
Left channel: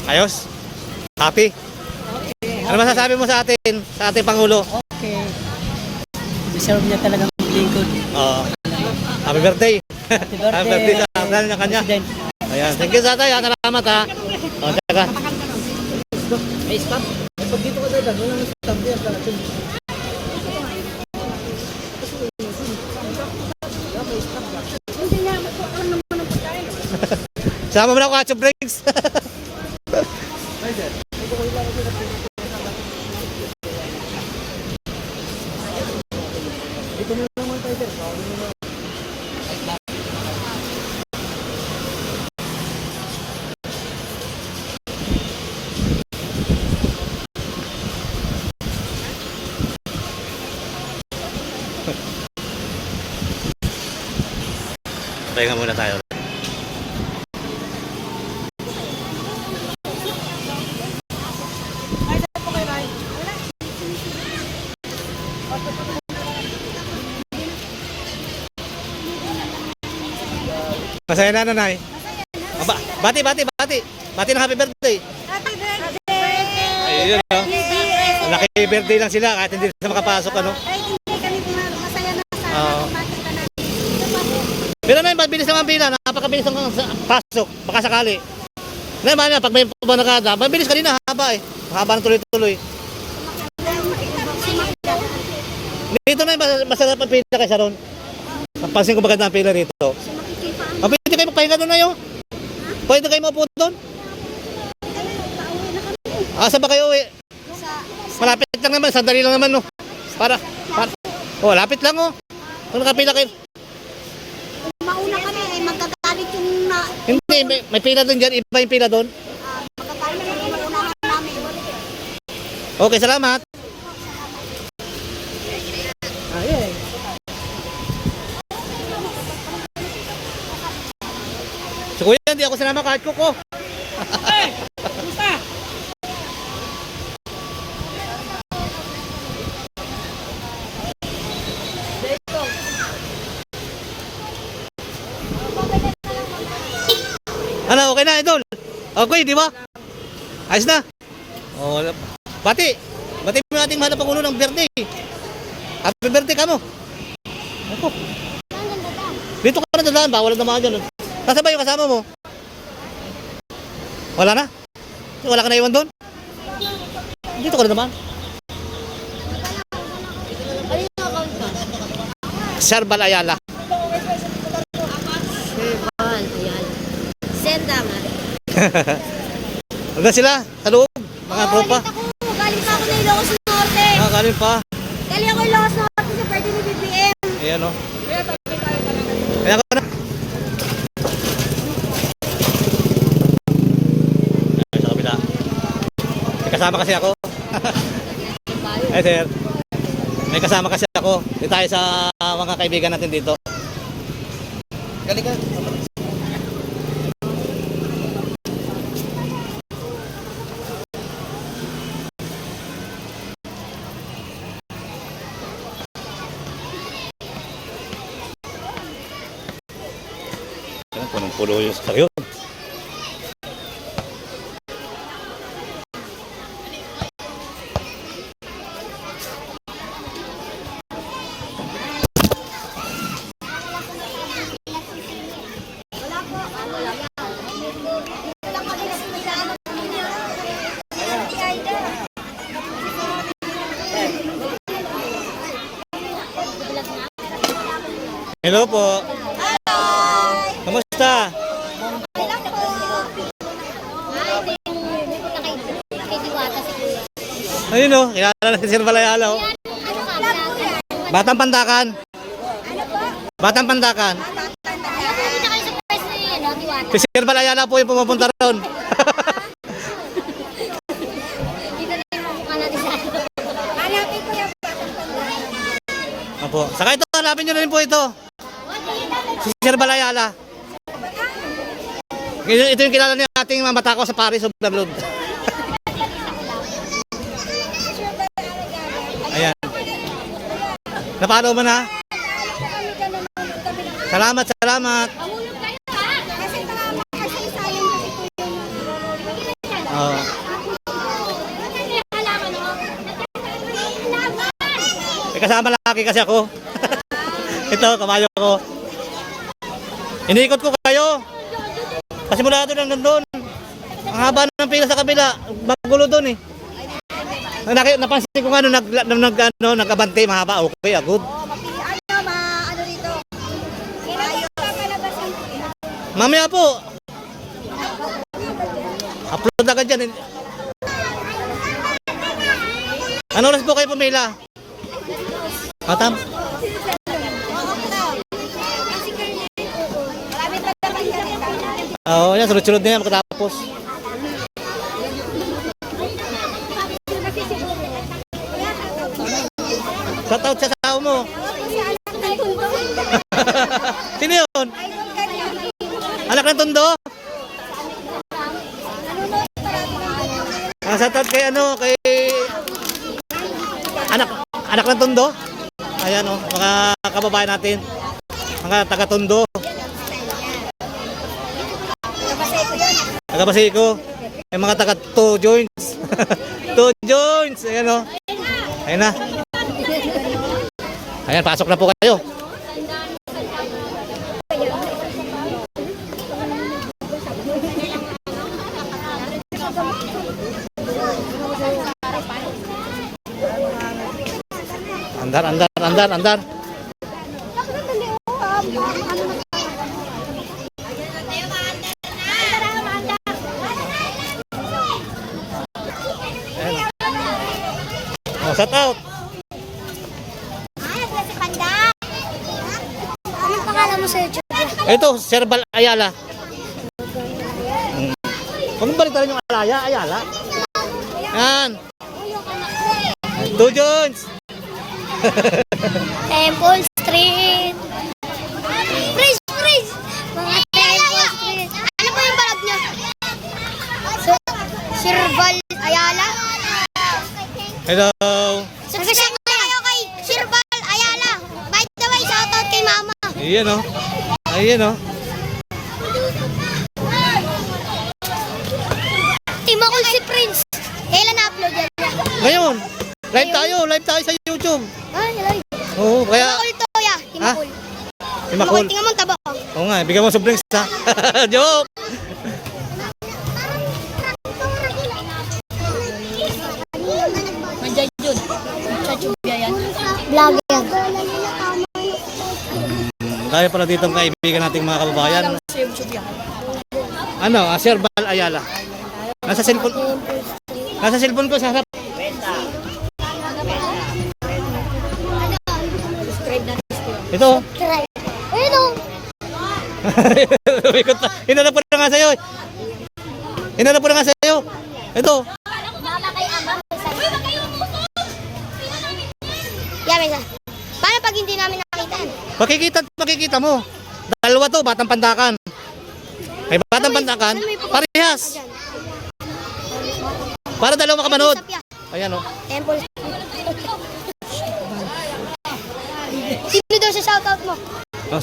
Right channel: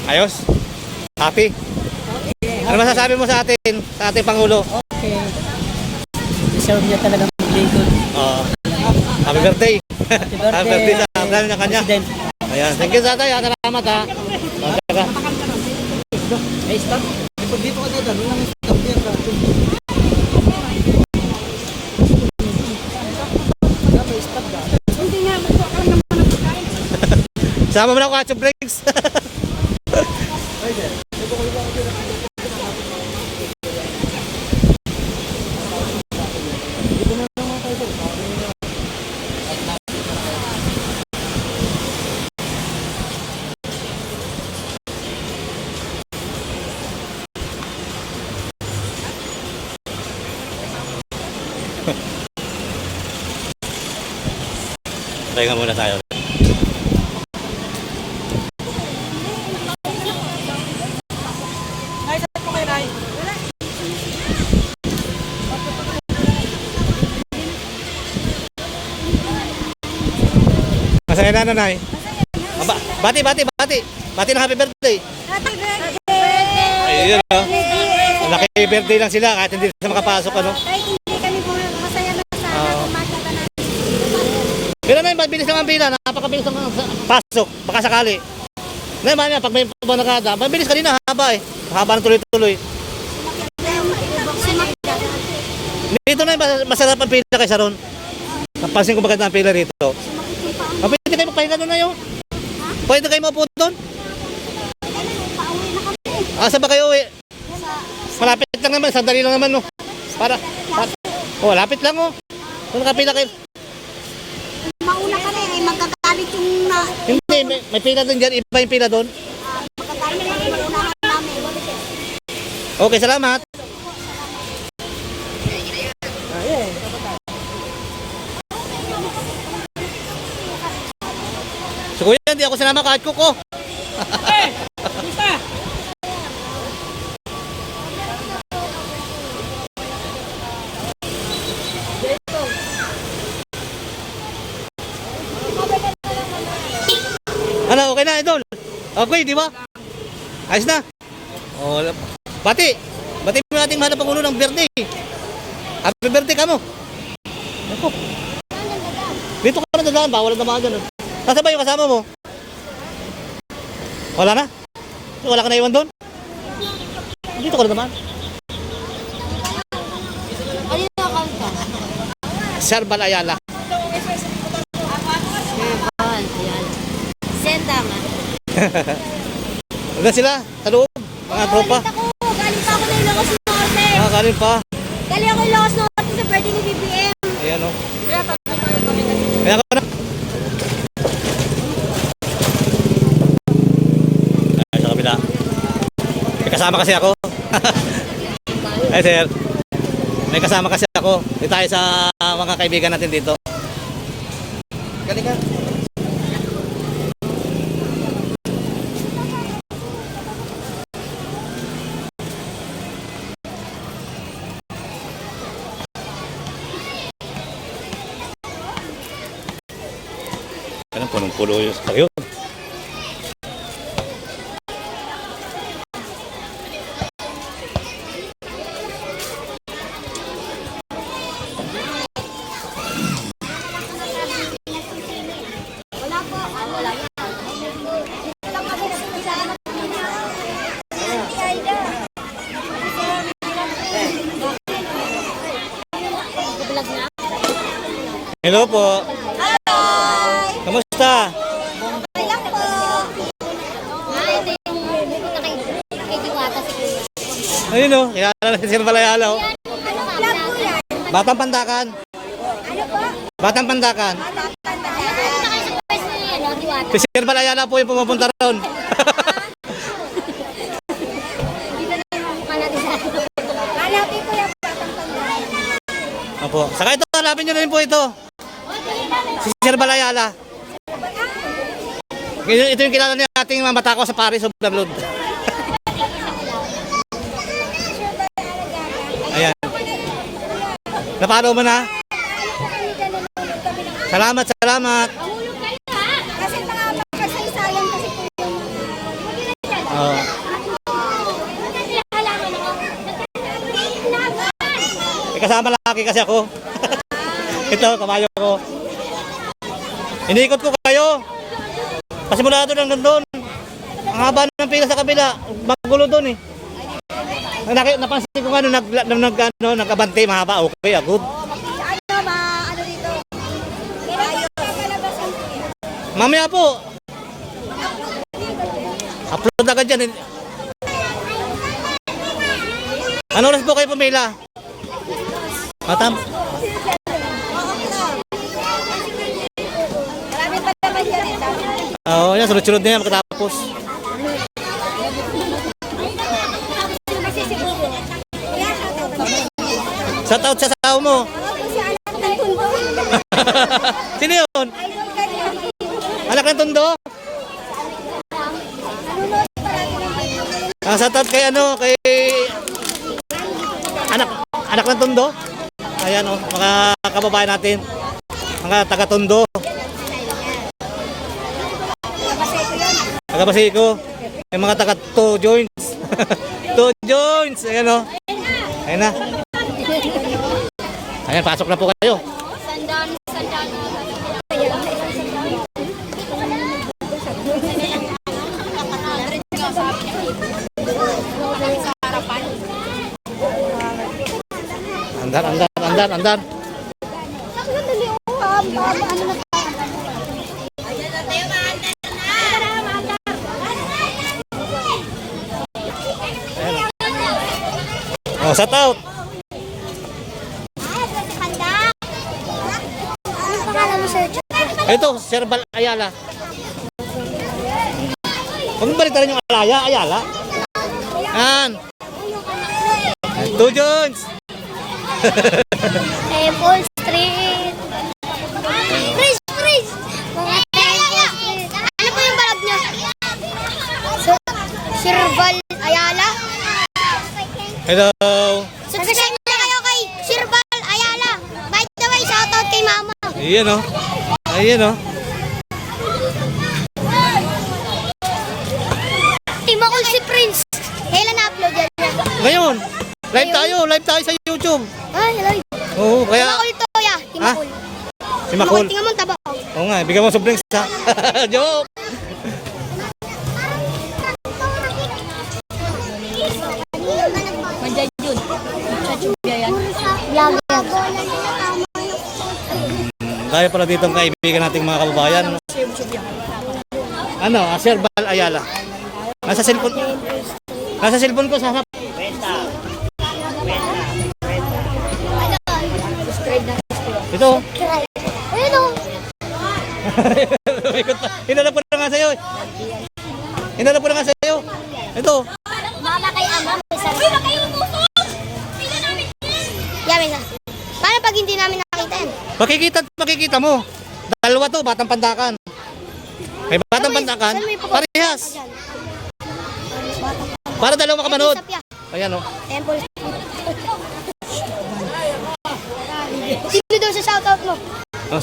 Ayos? Happy? Ano masasabi mo sa atin? Sa ating Pangulo? Okay. Deserve niya talagang maglingkod. Oo. Happy birthday! Happy birthday. Happy birthday sa plan niya kanya. President. Ayan. Thank you tatay. Salamat ha. O, teka. May stop? Dito ko dito. Walang stop dito. Sama mo na ako at breaks. Pahinga muna tayo. Masaya na nanay. Bati. Bati ng happy birthday. Happy birthday! Ayun oh. Laki birthday lang sila kahit hindi sila makapasok ano. Kahit hindi kami masaya na sana kung makita namin. Pero may mabilis naman pila, napakabilis ang pasok, baka sakali. Naman na pag may banakada, mabilis kanina haba eh. Haba ng tuloy-tuloy. Dito na masarap ang pila kaysa ron. Napansin ko maganda ang pila rito. Pwede kayo magpahinga doon na yun? Pwede kayo maupo doon? Saan ba kayo uwi? Malapit lang naman, sandali lang naman no. Oh, lapit lang oh. Kung nakapila kayo. Mauna ka na eh, magkagalit yung Hindi, may pila doon dyan, iba yung pila doon. magkagalit yung inuunahan namin. Okay, salamat. So kuya, hindi ako sinama kahit kuko. Gusta? Ano, okay na, idol? Okay, di ba? Ayos na. Oh, bati mo yung ating mahal na Pangulo ng birthday. Happy birthday ka mo. Ako. Dito ka na dadaan, bawal na mga doon. Nasaan ba yung kasama mo? Wala na? Wala ka na iwan doon? Dito ka na naman. Kanino account ka? Sarbal Ayala. Ball, ayan. Send tama. Hanggang sila, sa loob, mga tropa. Ako, galing pa ako na Ilocos Norte. Kanin pa. Galing ako Ilocos Norte sa birthday ni BBM. Ayan o. Kaya ko na. Ay, sa kabila. May kasama kasi ako. Ay, sir. May kasama kasi ako. Dito tayo sa mga kaibigan natin dito. Galing ka. punong-puno yung sakyon. Hello po. Kamusta? Ayun o, kilala na si Sir Balayala o. Batang Pandakan. Batang Pandakan. Si Sir Balayala po yung pumupunta ron. Opo. Saka ito, hanapin nyo na rin po ito. Si Sir Balayala. Ito yung kilala niya ating mamatako sa Paris of the Blood. Ayan. Napalo mo na? Salamat, salamat. Oo. Kasama laki kasi ako. Ito, kamayo ko. Inikot ko kayo. Kasi mula doon hanggang doon. Ang haba ng pila sa kabila. Magulo doon eh. Napansin ko nga nag-abante, mahaba. Okay, good. Ano dito? Kailan ka palabas ang kuya? Mamaya po. Upload agad dyan. Ano oras po kayo pumila? Matam? Oo, yan. Sunod-sunod na yan makatapos. Shout out sa tao mo. Sino yun? Anak ng Tondo? Shout out kay ano, kay anak ng Tondo? Ayan o, mga kababayan natin. Mga taga-Tondo. Taga-Basiko. Yung mga taga-Two Joints. Two Joints. Ayan o. Ayan na. Ayan, pasok na po kayo. Andar. Oh, shout out. Ito, Sir Bal Ayala. Huwag balik rin yung Ayala. Yan. Two Jones. Temple Street. Freeze. Ano po yung balag niya? Sir Val Ayala. Hello. Subscribe na kayo kay Sir Val Ayala. By the way, shout out kay Mama. Ayan o. Timo ko si Prince. Kailan na-upload yan niya? Ngayon, live tayo sa YouTube. Ay, hello. Oo, kaya... Timakul to, ya. Timakul. Si Makul. Tingnan mo, taba. Oo nga, bigyan mo sa drinks ha. Joke! Nandiyan yun. Vlogger. Dahil pala dito ang kaibigan nating mga kababayan. Ano, Sir Bal Ayala. Nasa cellphone ko sa harap. Ito. Ayun o. Hinanap ko na nga sa'yo. Ito. Mama kay Ama. Yamin na. Paano pag hindi namin nakita yan? Makikita mo. Dalawa to, Batang Pandakan. Ay, Batang Pandakan. Parehas. Para dalawa ka manood. Ayan o. Temple. Sino doon sa shoutout mo? Oh.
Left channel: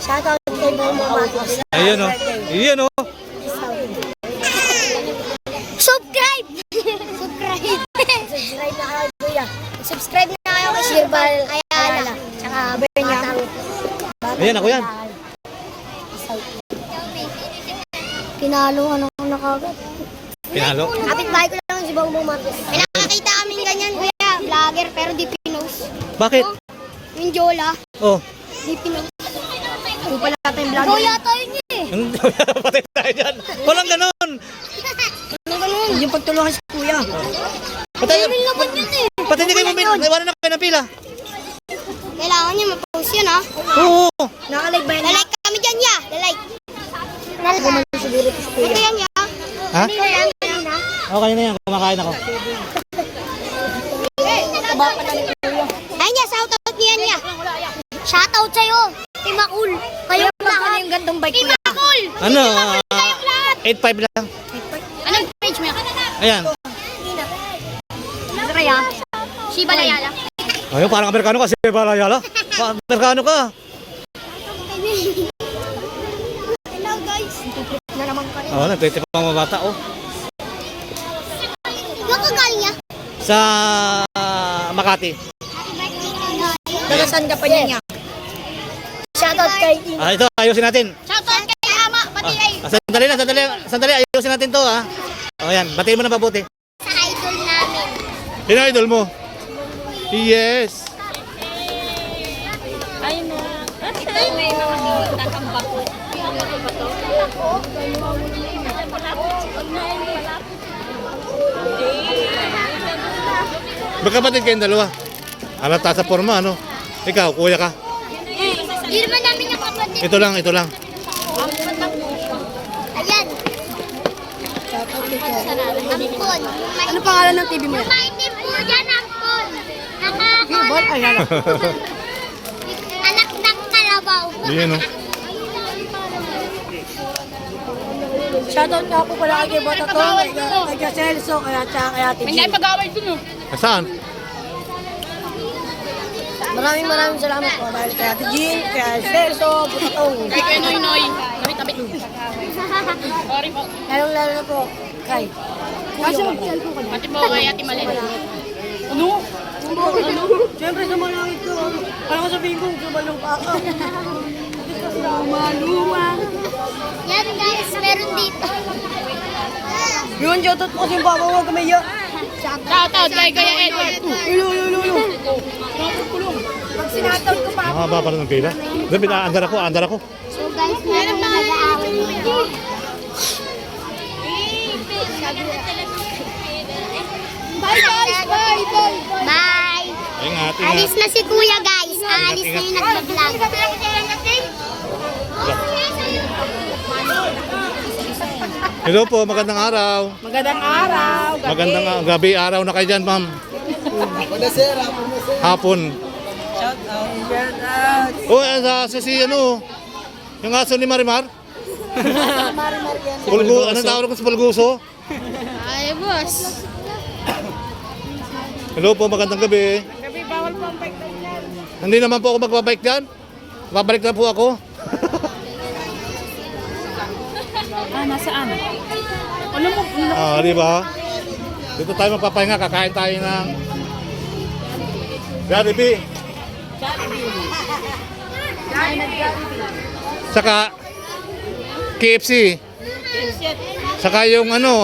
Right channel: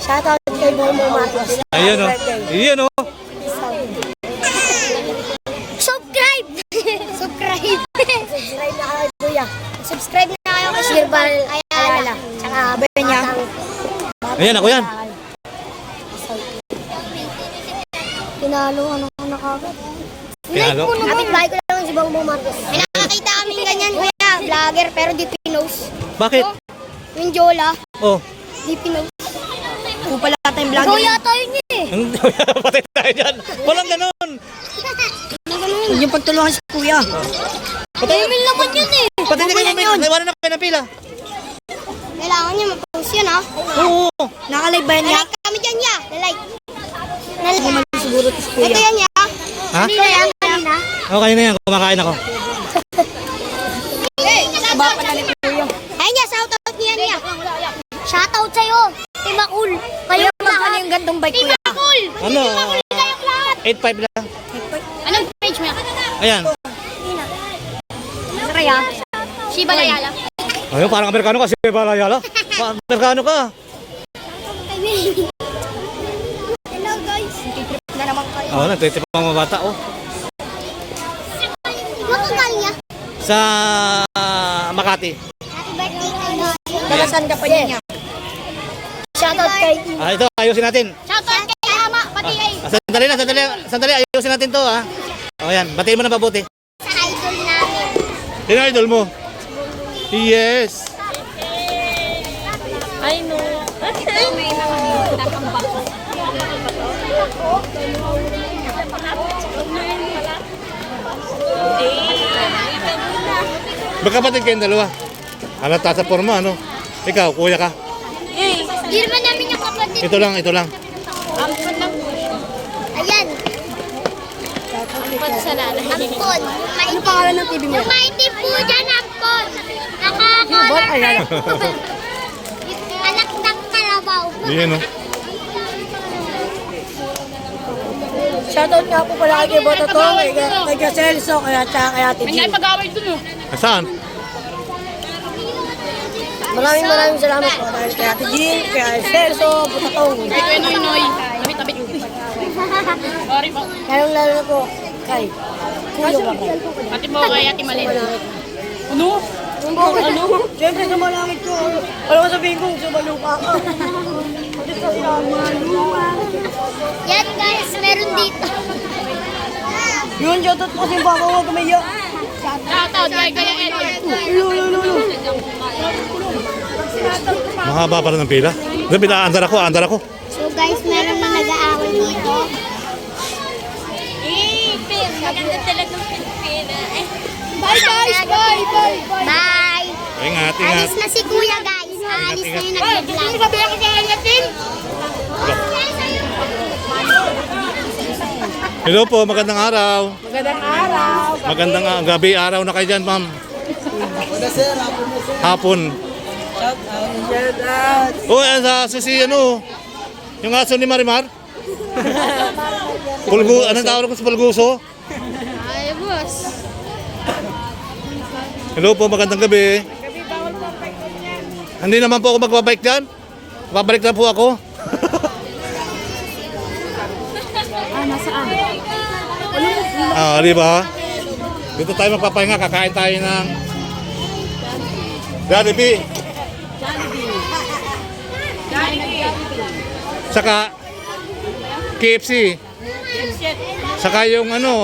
Shoutout kay Bongbong Marcos. Ayun o. Ayun o. Subscribe! Subscribe! Subscribe na kayo, kuya. Subscribe na kayo kay Sir Bal Ayala. Tsaka Batang. Ayan ako yan. Pinalo ano na kagad. Pinalo. Kapit bahay ko lang si Bongbong Marcos. May nakakita kami ganyan, kuya. Vlogger, pero di pinost. Bakit? Yung Jola, Oh. di pinost. Kung pala tayong vlogger. Kuya tayo niya eh. Patay tayo dyan. Walang ganon. Yung pagtulungan si kuya. Email naman yun eh. Pati hindi kayo bumili. Naiwanan na kayo ng pila. Kailangan niya ma-post yun ha. Oo. Nakalive ba yan niya? Like kami dyan ya. Like. Siguro to si kuya. Ito yan ya. Ha? Hindi na yan. Kanina. Okay na yan. Kumakain ako. Ay niya, shoutout niya niya. Shoutout sa'yo. Timakul. Kayo Ano lahat. yung gantong bike kuya? Timakul. Ano? Kayo lahat. 8.5 lang. Anong page mo yan? Ayan. Ano kaya? Si Balayala. Ayun, parang Amerikano ka. Sige, Balayala. Amerikano ka. Hello guys. Oo, nagtitip ang mga bata. Oh. Doon ka galing niya. Sa Makati. Happy birthday kayo. Nakasan ka pa niya? Shoutout kay Ito, ayusin natin. Shoutout kay Ama. Pati kay Sandali lang, sandali. Ayusin natin to, ha. O, yan. Batiin mo na mabuti. sa idol namin. Sino idol mo? Yes. Magkapatid kayong dalawa. Halata sa forma, ano? Ikaw, kuya ka. Hindi naman namin yung kapatid. Ito lang, ito lang. Ayan. Ampon. Ano pangalan ng TV mo yan? Maitim po dyan, Ampon. Yung Bal Ayala. Anak ng kalabaw. Yan, no? Shoutout nga po pala kay Boto to, kay Celso, kaya tsaka kay Ate Jill. Saan? Maraming salamat po dahil kay Ate Jill, kay Celso, Butatong. Kay Noy. Lalong-lalo na po kay Kuya Wakay. Pati mo kay Ate Malin. Ano? Siyempre sa malangit ko. Ano ka sabihin ko? Sumalupa ka. Pati sa sinabi. Yan guys, meron dito. Yun, shoutout po kasi yung baka huwag kamaya. Shoutout kay Gaya Edward. Ilo. Mahaba pa rin ng pila. Doon, andar ako. So guys, meron na nag-aaway dito. Bye guys, bye. Bye. Ingat. Alis na si kuya guys. Alis na yung nag-vlog. Hello po, magandang araw. Magandang araw. Magandang gabi, araw na kayo dyan, ma'am. Hapon. Shoutout. Oh, sa si ano, yung aso ni Marimar. Anong tawag ko sa Pulguso? Ay, boss. Hello po, magandang gabi. Hindi naman po ako magbabike dyan. Babalik na po ako. Di ba? Dito tayo magpapahinga, kakain tayo ng Jollibee. Saka KFC. Saka yung ano,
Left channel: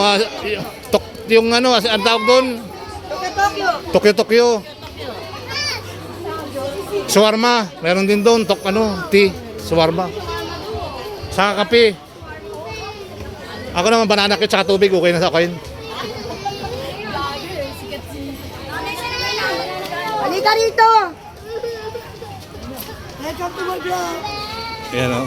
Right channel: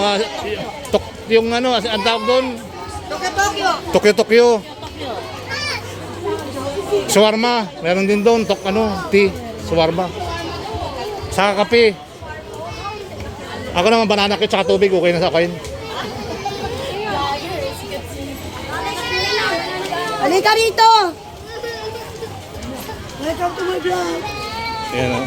yung ano, ang tawag doon? Tokyo. Shawarma, meron din doon, tea, shawarma. Saka kape. Ako naman banana cake tsaka tubig, okay na sa akin. Halika rito. Welcome to my vlog. Ayan o.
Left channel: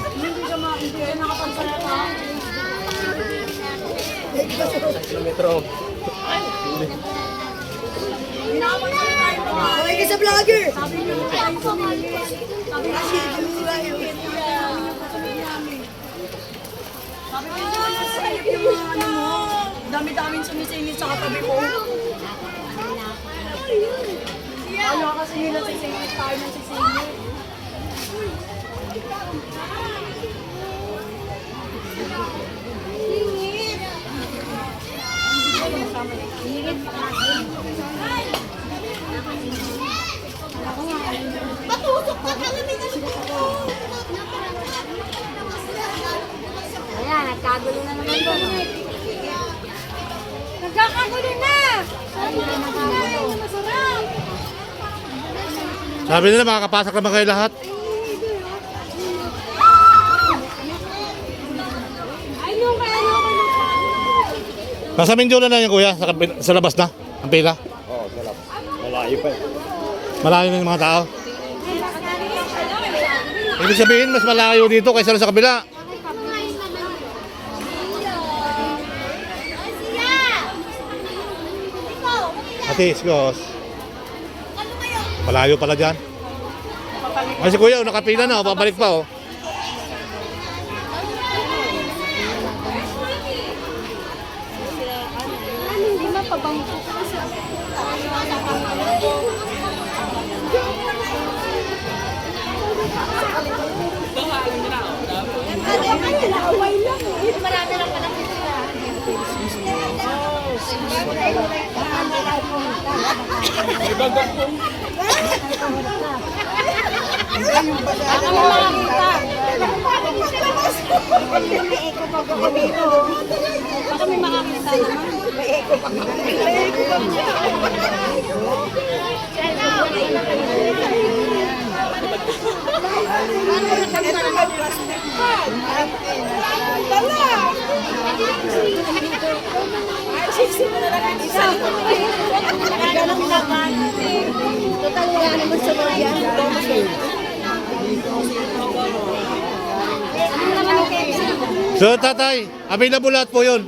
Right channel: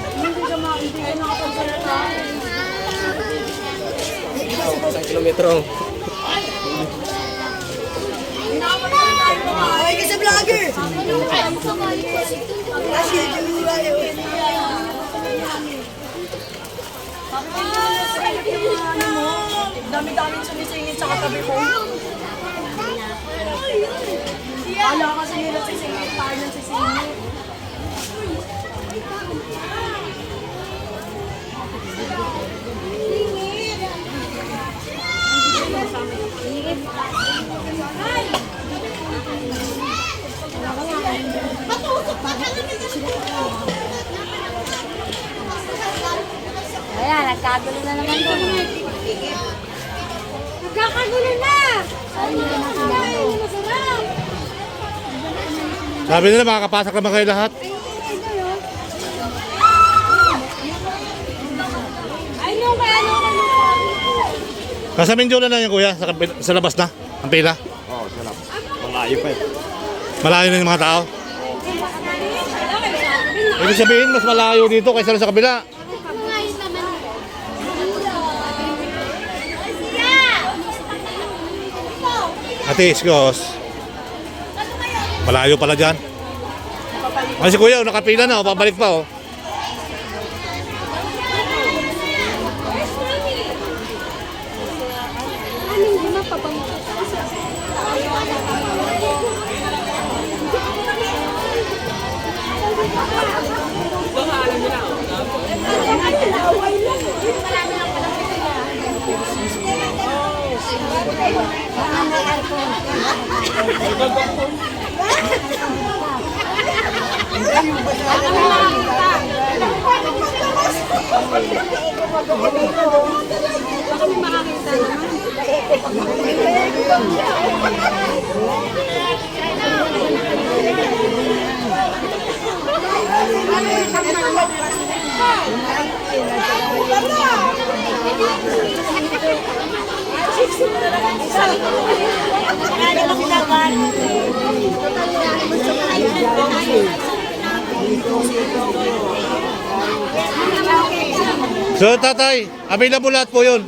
Ay, ka sa vlogger. Dami-daming sumisingit sa katabi ko. Ala kasi nila sisingit tayo ng sisingit. nagkagulo na naman po. Nagkakagulo na! Sabi nila makakapasak naman kayo lahat. Nasa Mindoro na yun kuya, sa labas na, ang pila. Oo, sarap. Malayo pa eh. Malayo na yung mga tao. Ibig sabihin, mas malayo dito kaysa sa kabila. Ate Iskos. Malayo pala dyan. Ay si kuya, nakapila na, pabalik pa oh. So tatay, available lahat po yun.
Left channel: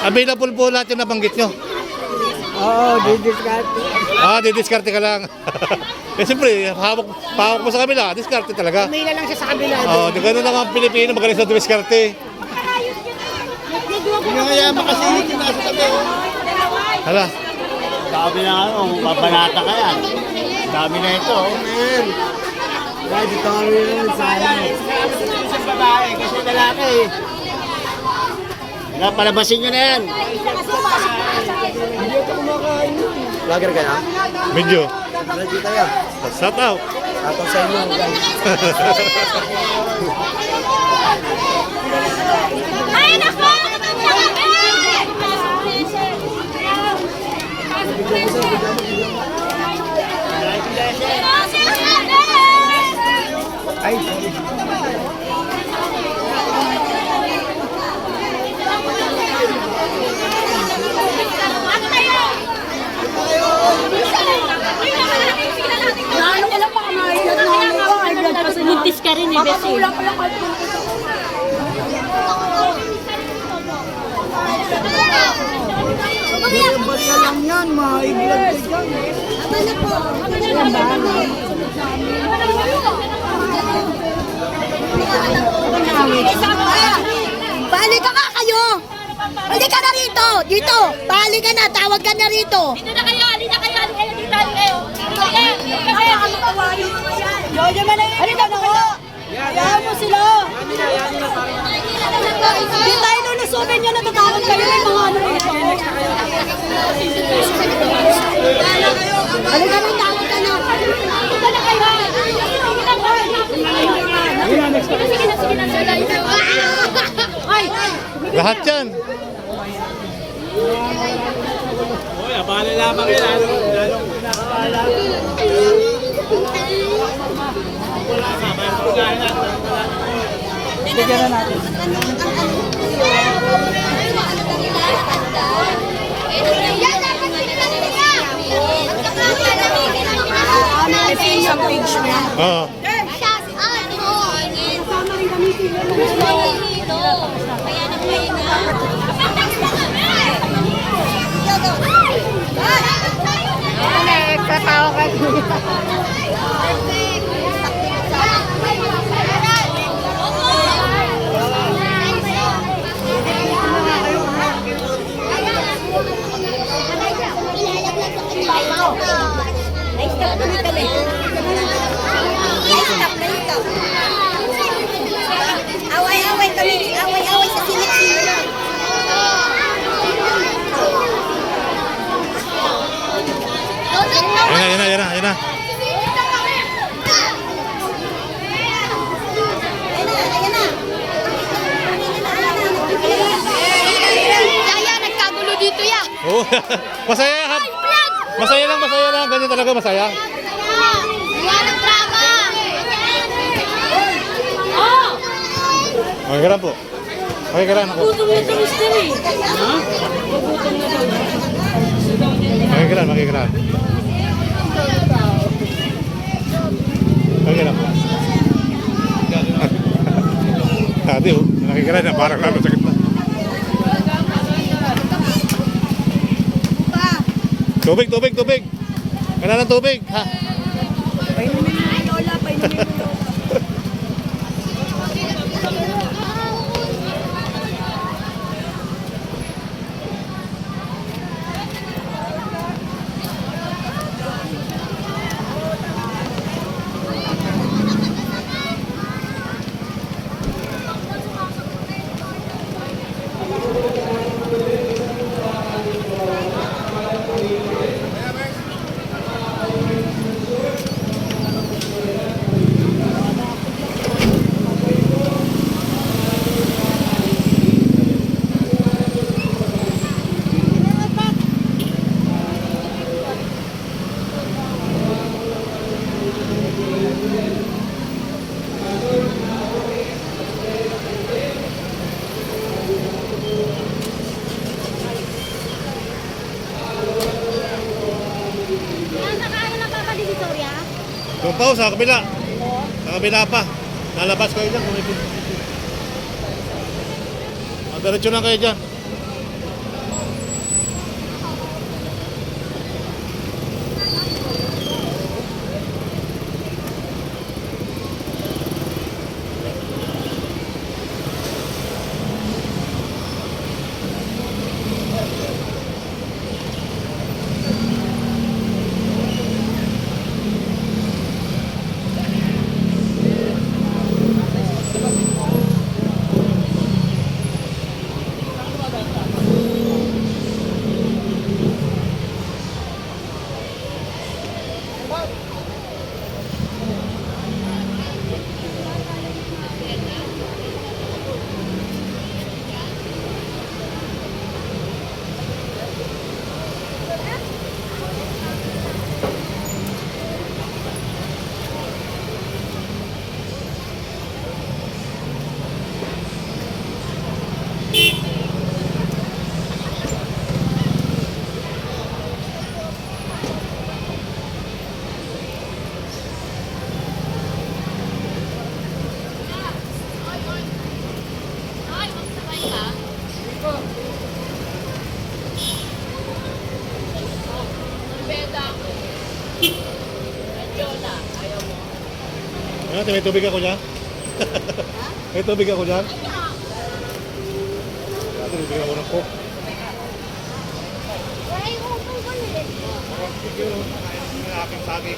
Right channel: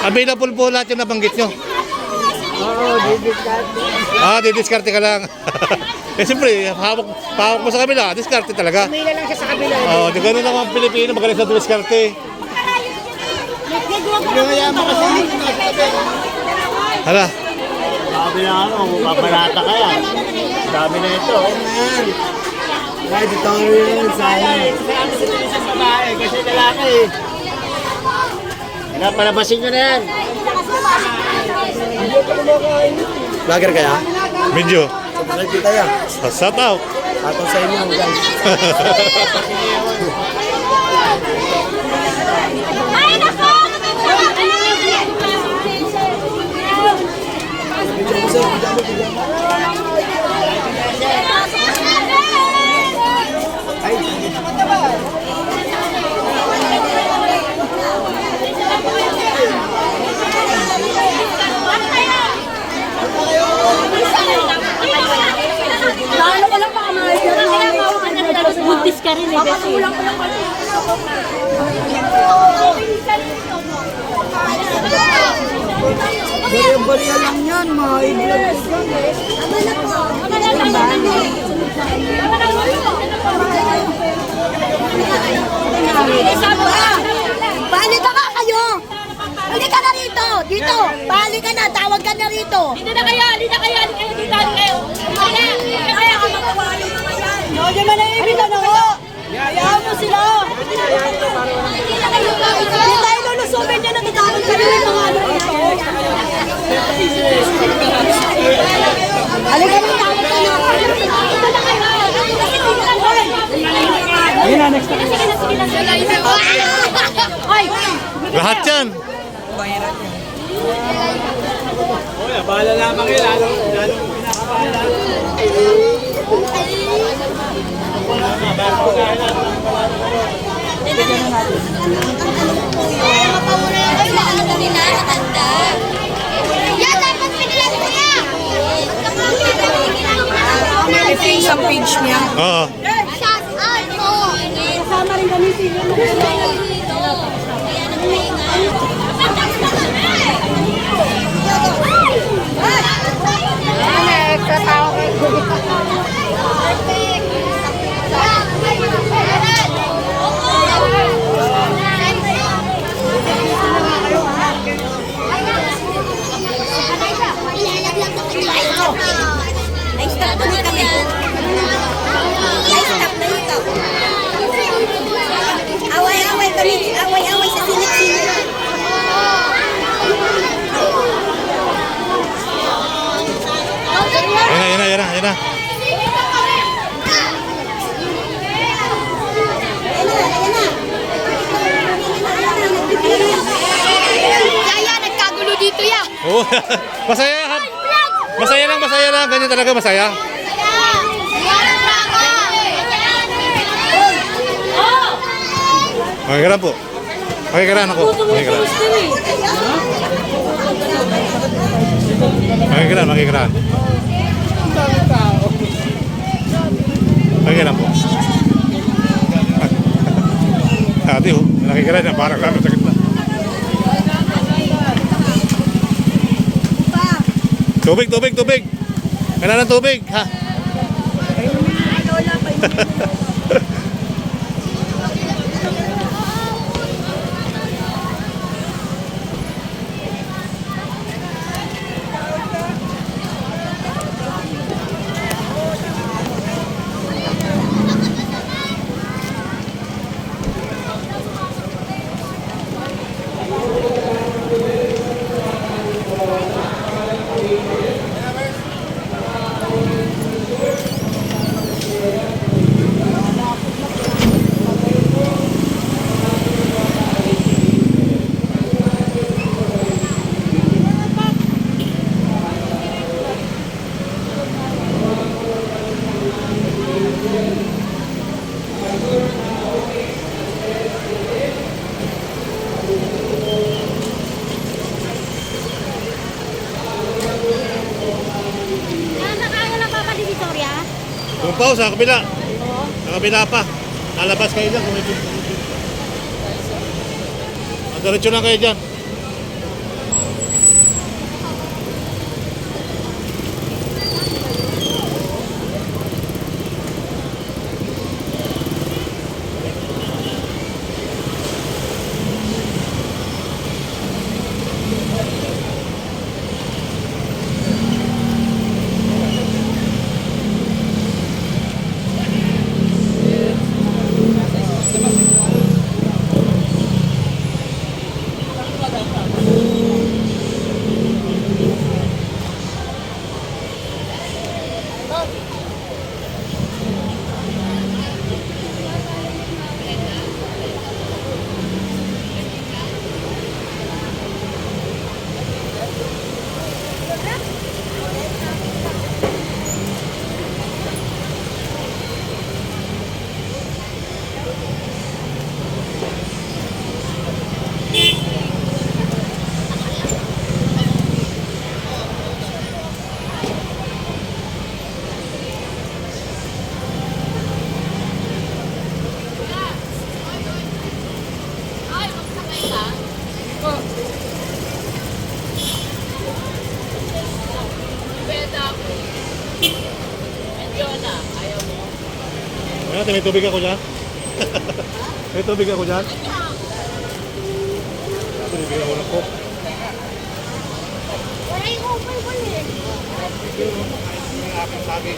Available po lahat yung nabanggit nyo. Oo, didiskarte. Didiskarte ka lang. Eh siyempre, pahawak mo sa kabila, diskarte talaga. May lang siya sa kabila. Di ganun naman ang Pilipino, magaling sa diskarte. Yung kasi hindi nasa tabi. Hala, Sabi na mababalata ka yan. Sabi na ito. Man. Right, ito rin sana. Marami sa isang babae kasi lalaki. Palabasin nyo na yan. Vlogger kaya? medyo. Vlogger kaya? Shout out. Shoutout sa inyo, guys. Ay, naku! Ano ko lang baka makikita. Buntis ka rin eh, Bessie. Bariya lang yan, ma-i-vlog ko yan. Balik ka kayo! Balik ka na rito! Dito! Balik ka na! Tawag ka na rito! Dito na kayo, dito kayo, dito kayo. Jojo manahimik ka na ko! Hayaan mo sila! Hindi tayo lulusubin niya na tatawag ka na mga ano ito. Ano ka bang tawag ka na? Dito na kayo. Sige na. Ay! Lahat yan. Abala lamang yun. Lalong pinakabahala. Sa page niya. Oo. Shout out mo! Kasama rin kami sila. Away-away kami. Away-away sa sinik-sinik. Yan na. Oo. Masaya. Masaya lang. Ganyan talaga masaya. Makikiran po. Makikiran ako. Makikiran. Makikiran po. Dati oh, nakikiran na parang lalo sa gitna. Tubig. Kailangan ng tubig, ha? Doon pa sa kabila. Sa kabila pa. Lalabas kayo dyan kung ito. Diretso lang kayo dyan. Ate, may tubig ako dyan. May tubig ako dyan. Ate, may bigyan ako ng coke. Aking pagi.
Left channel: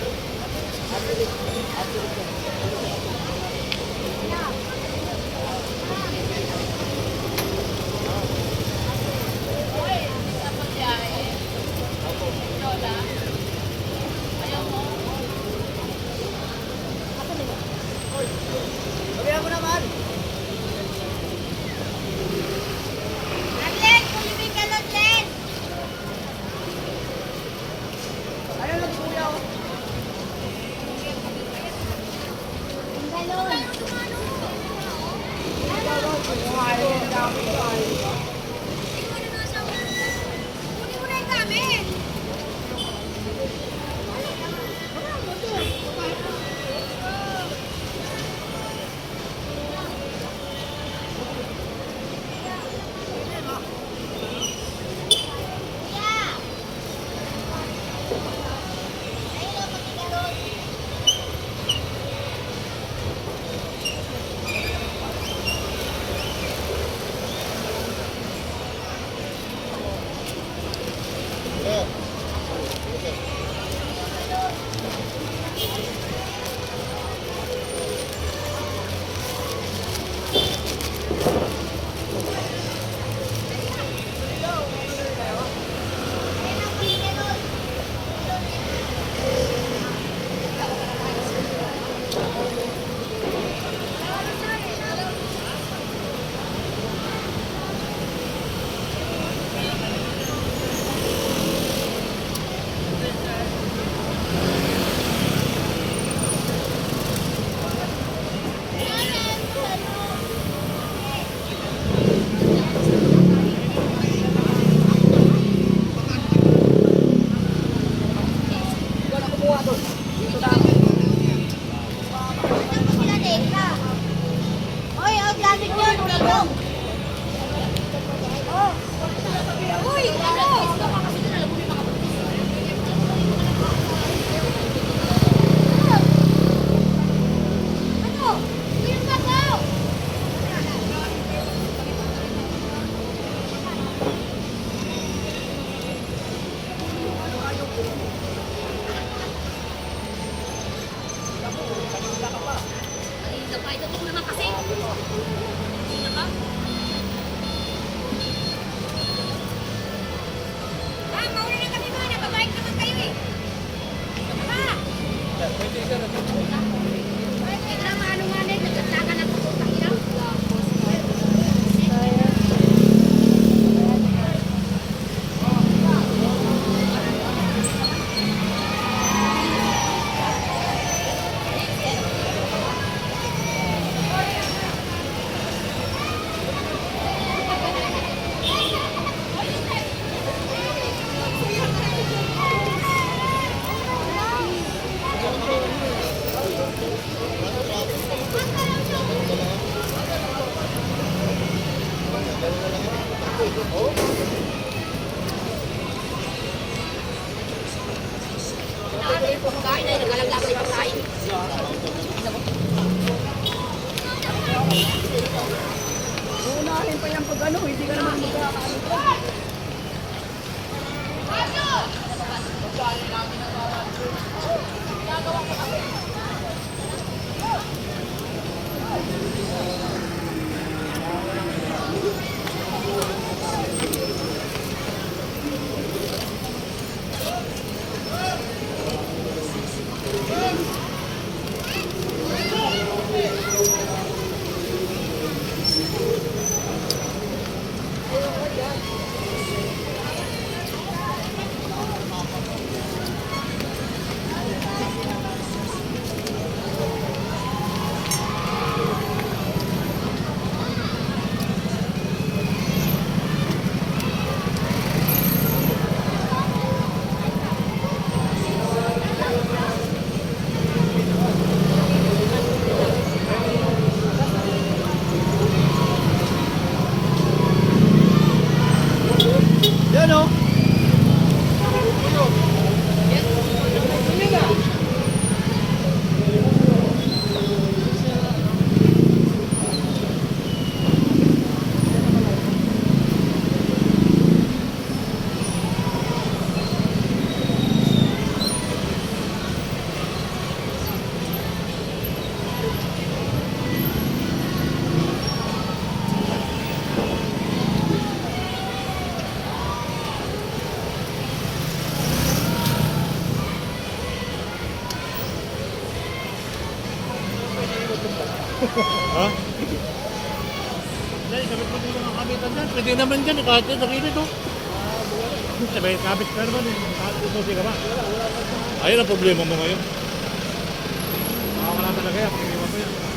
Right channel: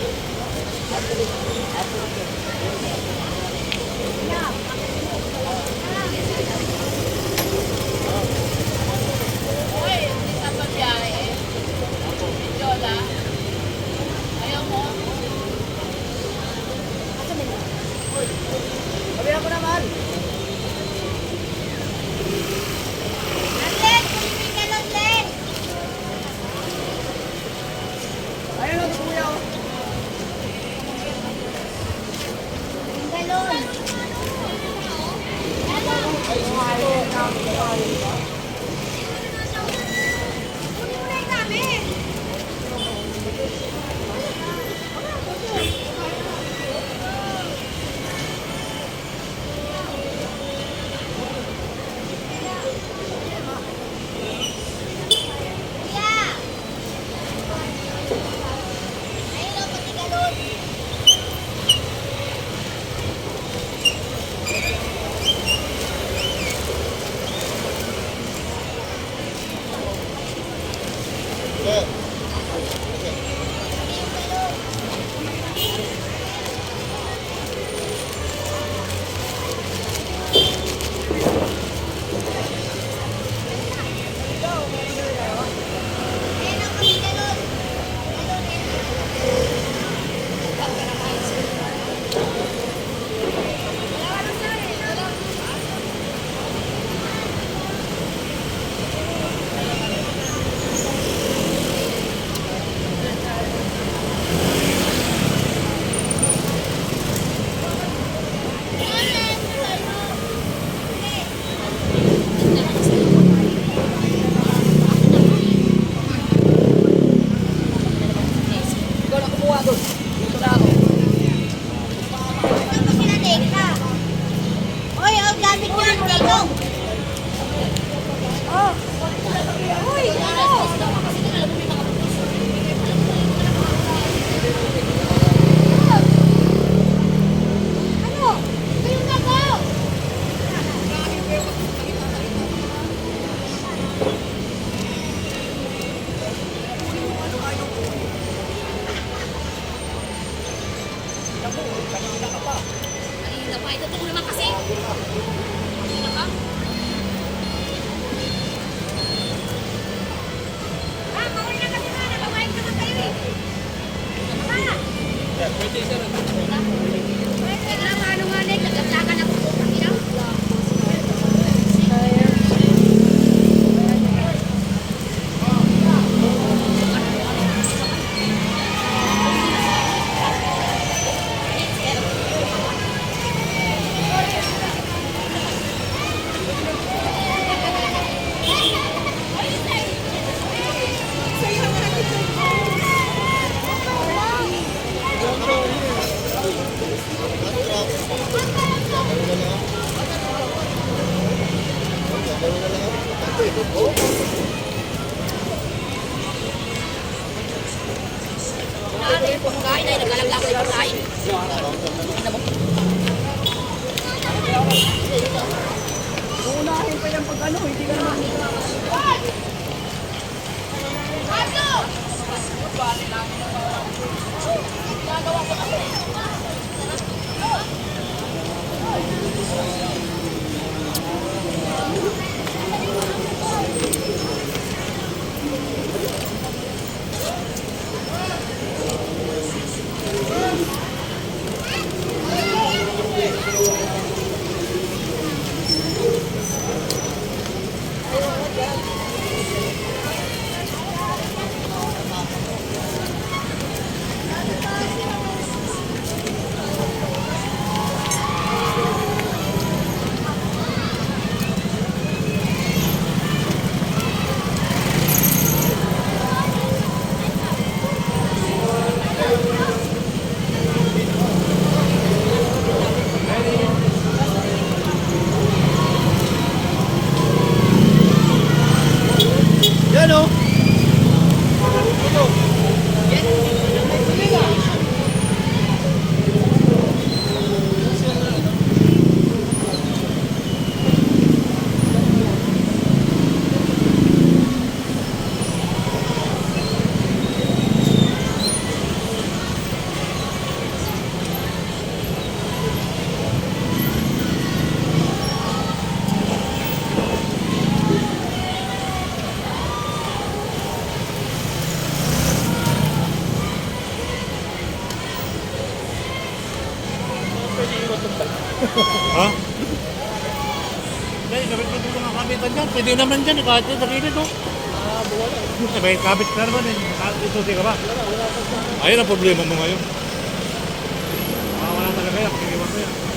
Kain pa yan pag ano, hindi ka naman nila. Yan o. Ha? May kabit mo dito ng kabitan dyan. Pwede naman dyan. Kahit sa gilid o. May kabit na naman eh. Isusi ka ba? Ayun ang problema mo ngayon. Wala talaga yan. Pag-iwan mo yan.